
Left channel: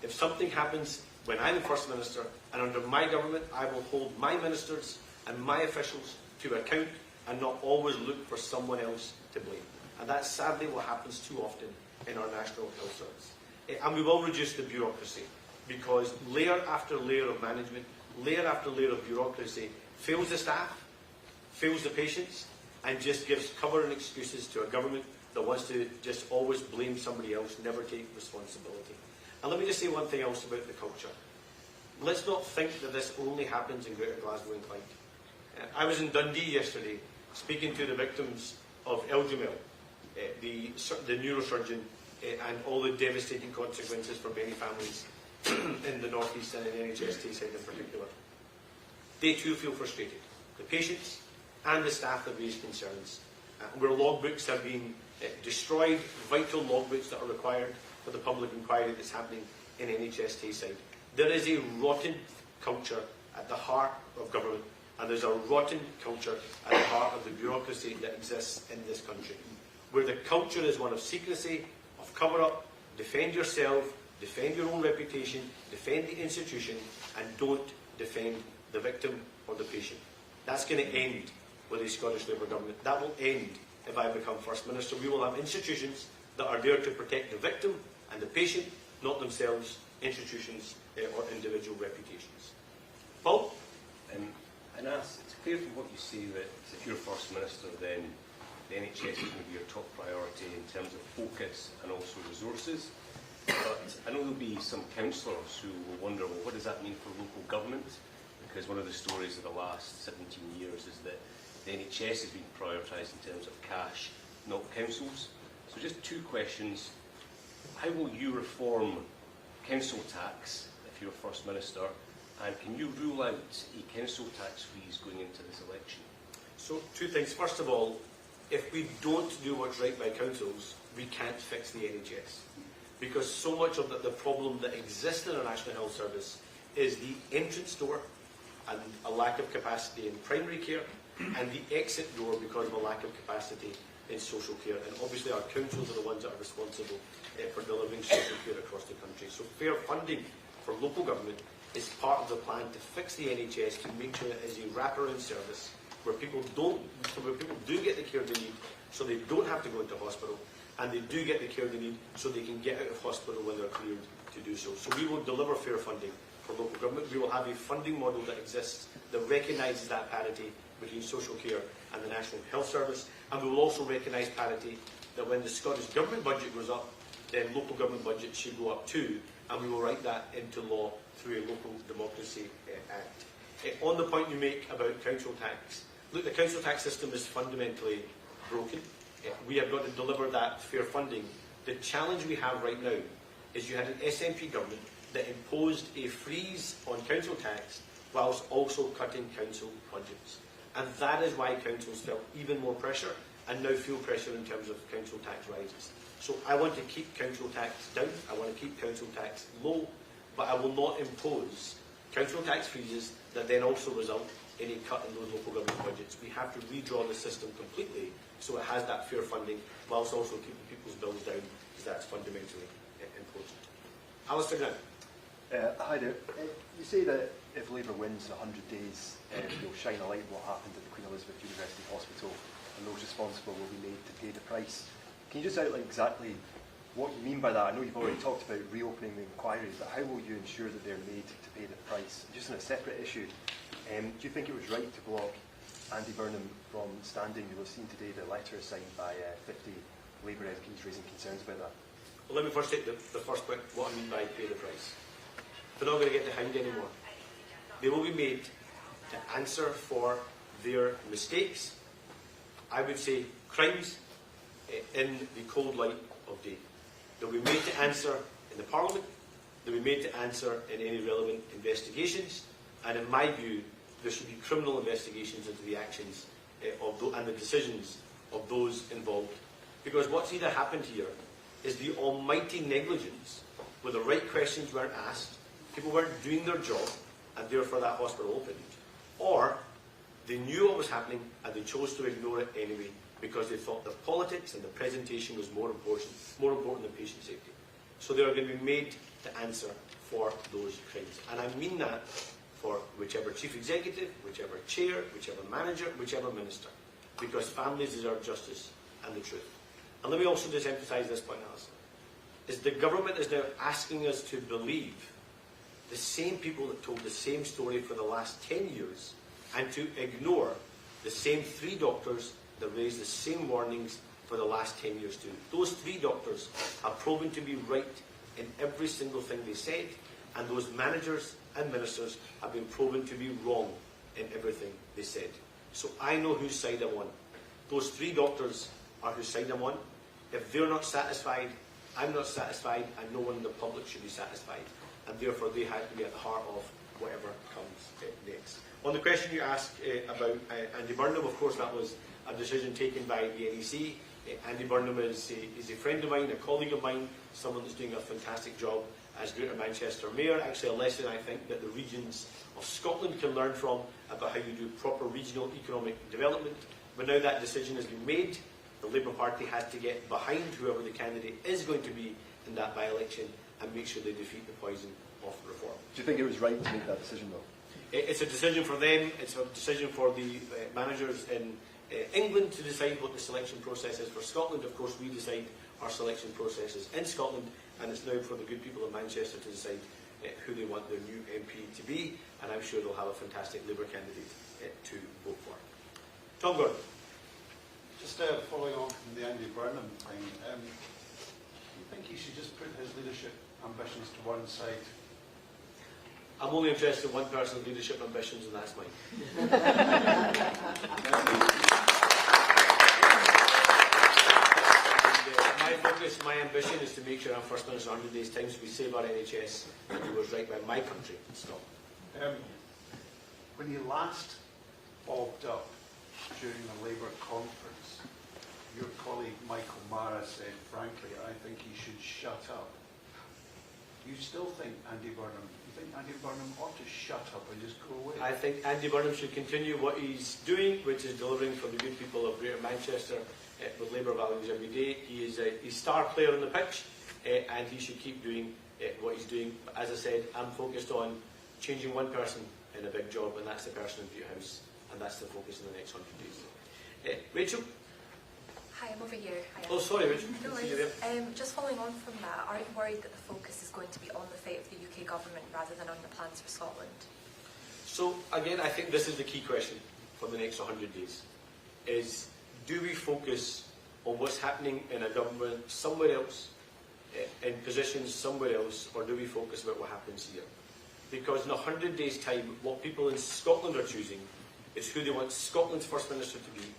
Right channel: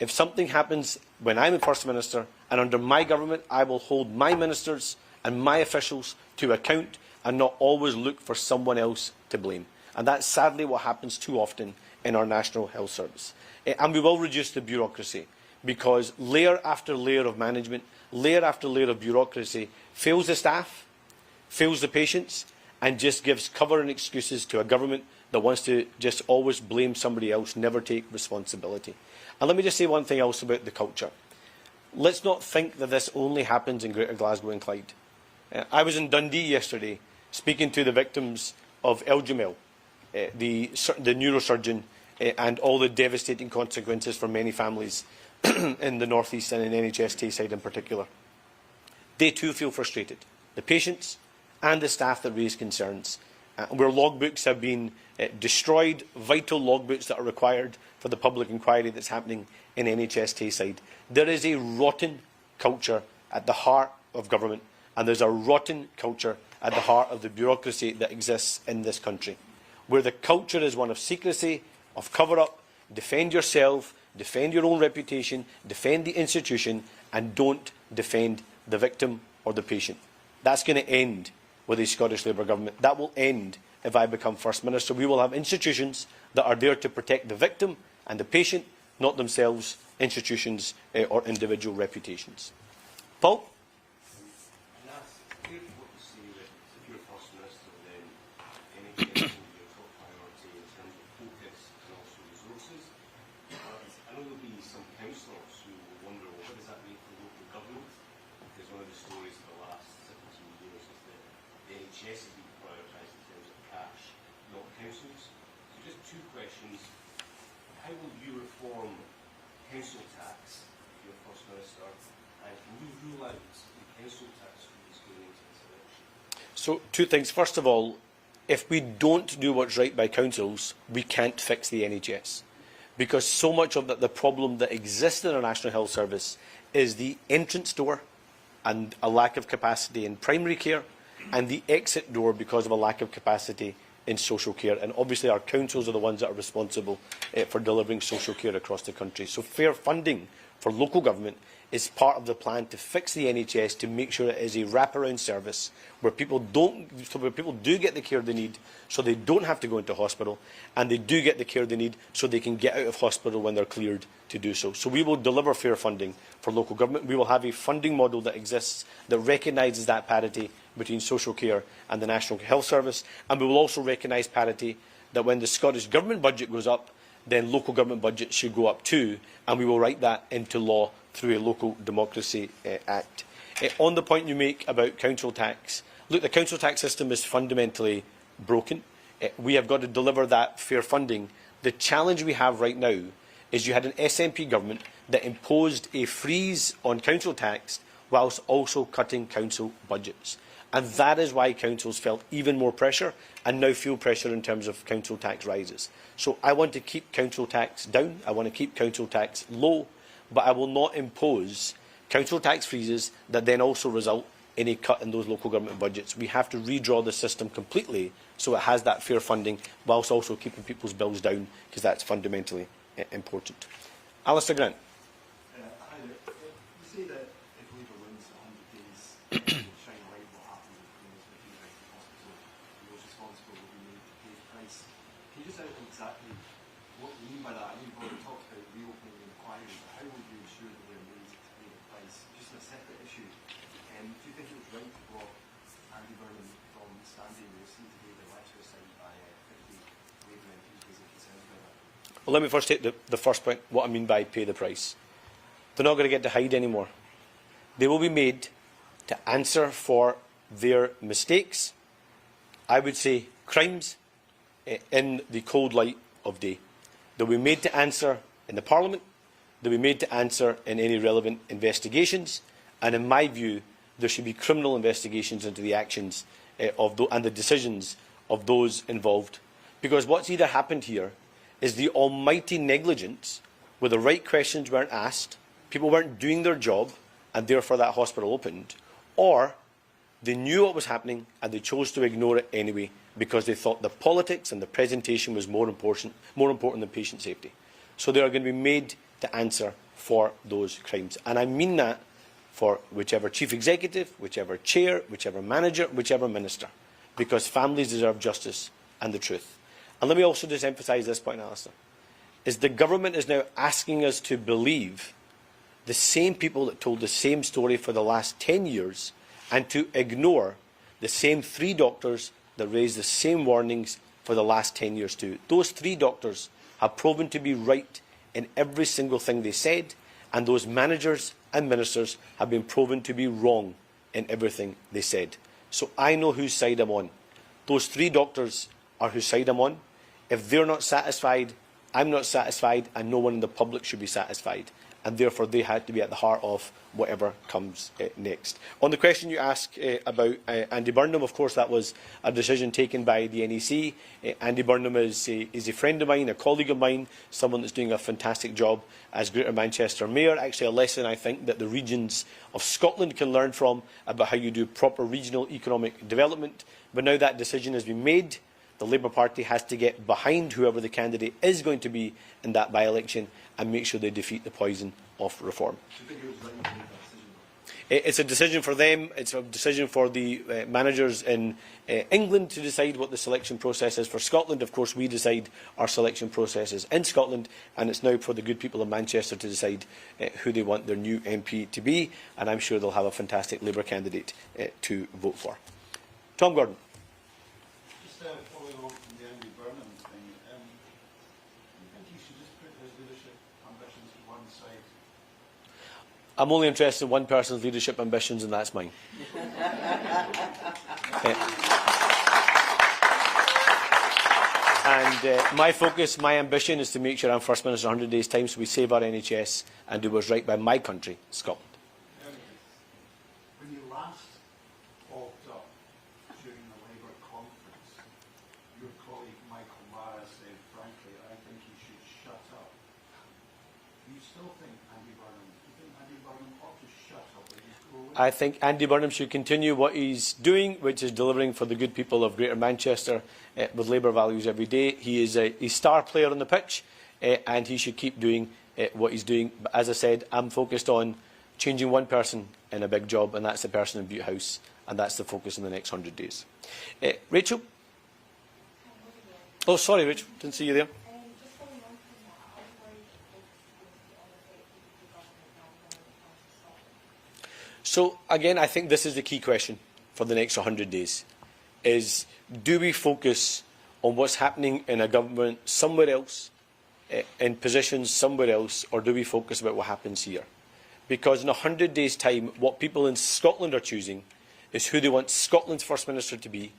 If something happens when I'm the First Minister and under my government, I will hold my ministers and my officials to account and not always look for someone else to blame. And that's sadly what happens too often in our National Health Service. And we will reduce the bureaucracy, because layer after layer of management, layer after layer of bureaucracy fails the staff, fails the patients, and just gives cover and excuses to a government that wants to just always blame somebody else, never take responsibility. And let me just say one thing else about the culture. Let's not think that this only happens in Greater Glasgow and Clyde. I was in Dundee yesterday speaking to the victims of Eldrimel, the neurosurgeon, and all the devastating consequences for many families in the North East and in NHS Tayside in particular. They too feel frustrated. The patients and the staff that raise concerns, where logbooks have been destroyed, vital logbooks that are required for the public inquiry that's happening in NHS Tayside. There is a rotten culture at the heart of government, and there's a rotten culture at the heart of the bureaucracy that exists in this country, where the culture is one of secrecy, of cover-up, defend yourself, defend your own reputation, defend the institution, and don't defend the victim or the patient. That's going to end with a Scottish Labour government. That will end if I become First Minister. We will have institutions that are there to protect the victim and the patient, not themselves, institutions or individual reputations. Paul? And as it's clear from what you say that if you're First Minister, then the NHS is going to be your top priority in terms of focus and also resources. But I know there'll be some councillors who will wonder, well, what does that mean for local government? Because one of the stories of the last 17 years is that the NHS has been prioritised in terms of cash, not councils. So just two questions. How will you reform council tax if you're First Minister? And can you rule out a council tax freeze going into this election? So, two things. First of all, if we don't do what's right by councils, we can't fix the NHS. Because so much of the problem that exists in our National Health Service is the entrance door and a lack of capacity in primary care, and the exit door because of a lack of capacity in social care. And obviously our councils are the ones that are responsible for delivering social care across the country. So fair funding for local government is part of the plan to fix the NHS, to make sure it is a wraparound service where people do get the care they need, so they don't have to go into hospital, and they do get the care they need so they can get out of hospital when they're cleared to do so. So we will deliver fair funding for local government. We will have a funding model that exists that recognises that parity between social care and the National Health Service, and we will also recognise parity that when the Scottish Government budget goes up, then local government budgets should go up too, and we will write that into law through a Local Democracy Act. On the point you make about council tax, look, the council tax system is fundamentally broken. We have got to deliver that fair funding. The challenge we have right now is you had an SNP government that imposed a freeze on council tax whilst also cutting council budgets. And that is why councils felt even more pressure and now feel pressure in terms of council tax rises. So I want to keep council tax down, I want to keep council tax low, but I will not impose council tax freezes that then also result in a cut in those local government budgets. We have to redraw the system completely so it has that fair funding whilst also keeping people's bills down, because that's fundamentally important. Alistair Grant. Hi there. You say that if Labour wins 100 days, you'll shine a light on what happened at the Queen Elizabeth University Hospital, and those responsible will be made to pay the price. Can you just outline exactly what you mean by that? I know you've already talked about reopening the inquiries, but how will you ensure that they're made to pay the price? Just on a separate issue, do you think it was right to block Andy Burnham from standing? You were seen today the letter signed by 50 Labour MPs raising concerns about that. Well, let me first take the first point, what I mean by pay the price. They're not going to get to hide anymore. They will be made to answer for their mistakes, I would say crimes, in the cold light of day. They'll be made to answer in the Parliament, they'll be made to answer in any relevant investigations, and in my view, there should be criminal investigations into the actions and the decisions of those involved. Because what's either happened here is the almighty negligence where the right questions weren't asked, people weren't doing their job, and therefore that hospital opened, or they knew what was happening and they chose to ignore it anyway because they thought the politics and the presentation was more important than patient safety. So they are going to be made to answer for those crimes. And I mean that for whichever chief executive, whichever chair, whichever manager, whichever minister, because families deserve justice and the truth. And let me also just emphasise this point, Alistair, is the government is now asking us to believe the same people that told the same story for the last 10 years and to ignore the same 3 doctors that raised the same warnings for the last 10 years too. Those 3 doctors have proven to be right in every single thing they said, and those managers and ministers have been proven to be wrong in everything they said. So I know whose side I'm on. Those 3 doctors are whose side I'm on. If they're not satisfied, I'm not satisfied, and no one in the public should be satisfied. And therefore they had to be at the heart of whatever comes next. On the question you asked about Andy Burnham, of course that was a decision taken by the NEC. Andy Burnham is a friend of mine, a colleague of mine, someone that's doing a fantastic job as Greater Manchester Mayor. Actually a lesson I think that the regions of Scotland can learn from about how you do proper regional economic development. But now that decision has been made, the Labour Party has to get behind whoever the candidate is going to be in that by-election and make sure they defeat the poison of reform. Do you think it was right to make that decision, though? It's a decision for them, it's a decision for the managers in England to decide what the selection process is. For Scotland, of course, we decide our selection processes in Scotland, and it's now for the good people of Manchester to decide who they want their new MP to be, and I'm sure they'll have a fantastic Labour candidate to vote for. Tom Gordon. Just following on from the Andy Burnham thing, do you think he should just put his leadership ambitions to one side? I'm only interested in one person's leadership ambitions, and that's mine. And my focus, my ambition is to make sure I'm First Minister in 100 days' time so we save our NHS and do what's right by my country, Scotland. When you last bogged up during the Labour conference, your colleague Michael Mara said, frankly, I think he should shut up. Do you still think Andy Burnham, ought to shut up or just go away? I think Andy Burnham should continue what he's doing, which is delivering for the good people of Greater Manchester with Labour values every day. He is a star player on the pitch, and he should keep doing what he's doing. But as I said, I'm focused on changing one person in a big job, and that's the person in Butte House, and that's the focus in the next 100 days. Rachel? Hi, I'm over here. Hi. Oh, sorry, Rachel. Didn't see you there. Just following on from that, aren't you worried that the focus is going to be on the fate of the UK government rather than on the plans for Scotland? So, again, I think this is the key question for the next 100 days, is do we focus on what's happening in a government somewhere else, in positions somewhere else, or do we focus about what happens here? Because in 100 days' time, what people in Scotland are choosing is who they want Scotland's First Minister to be,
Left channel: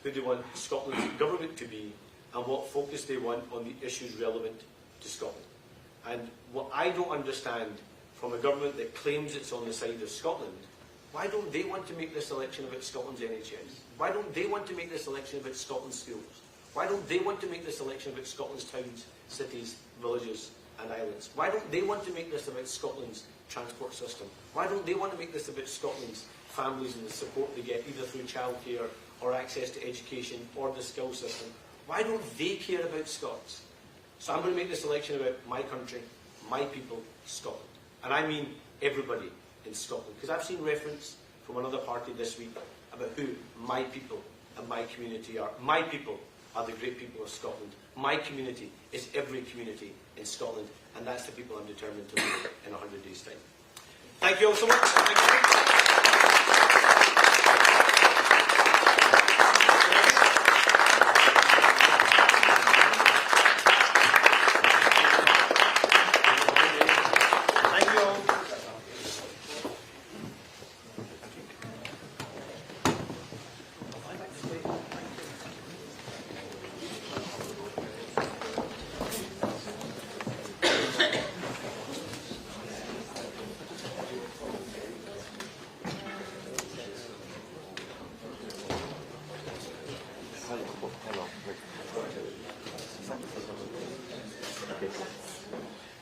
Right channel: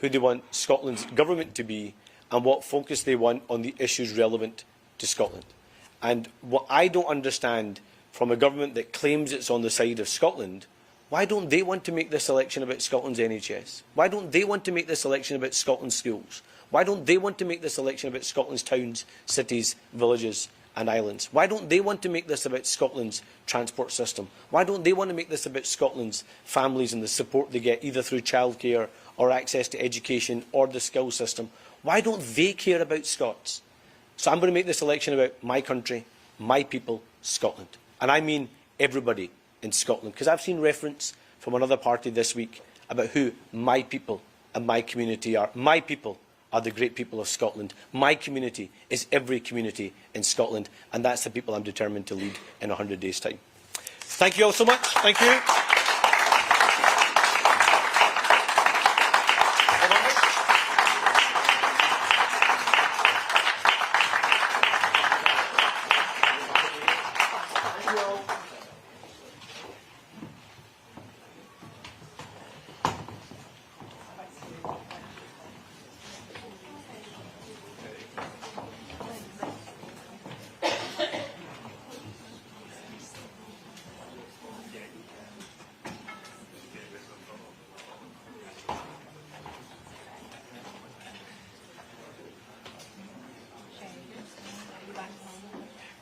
who they want Scotland's government to be, and what focus they want on the issues relevant to Scotland. And what I don't understand from a government that claims it's on the side of Scotland, Why don't they want to make this election about Scotland's NHS? Why don't they want to make this election about Scotland's schools? Why don't they want to make this election about Scotland's towns, cities, villages and islands? Why don't they want to make this about Scotland's transport system? Why don't they want to make this about Scotland's families and the support they get either through childcare or access to education or the skills system? Why don't they care about Scots? So I'm going to make this election about my country, my people, Scotland. And I mean everybody in Scotland, because I've seen reference from another party this week about who my people and my community are. My people are the great people of Scotland. My community is every community in Scotland, and that's the people I'm determined to lead in 100 days' time. Thank you all so much. Thank you.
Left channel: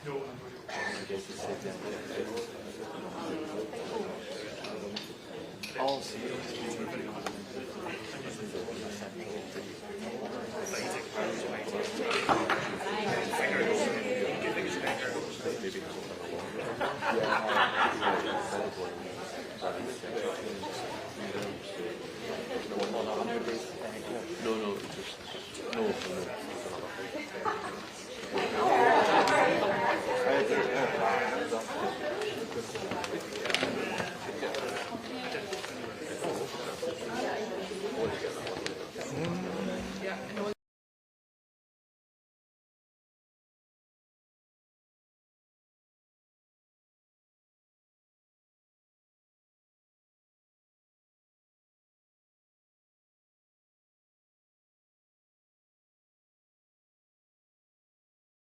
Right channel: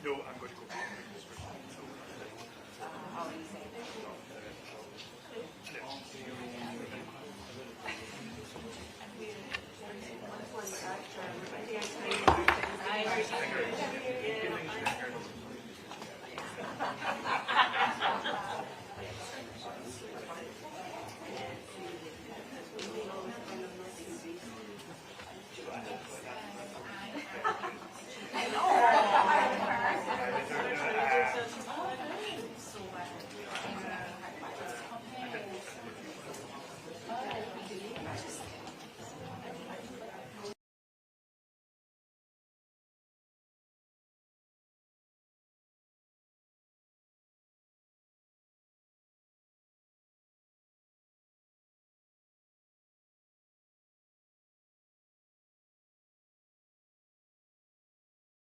No, I'm going to go.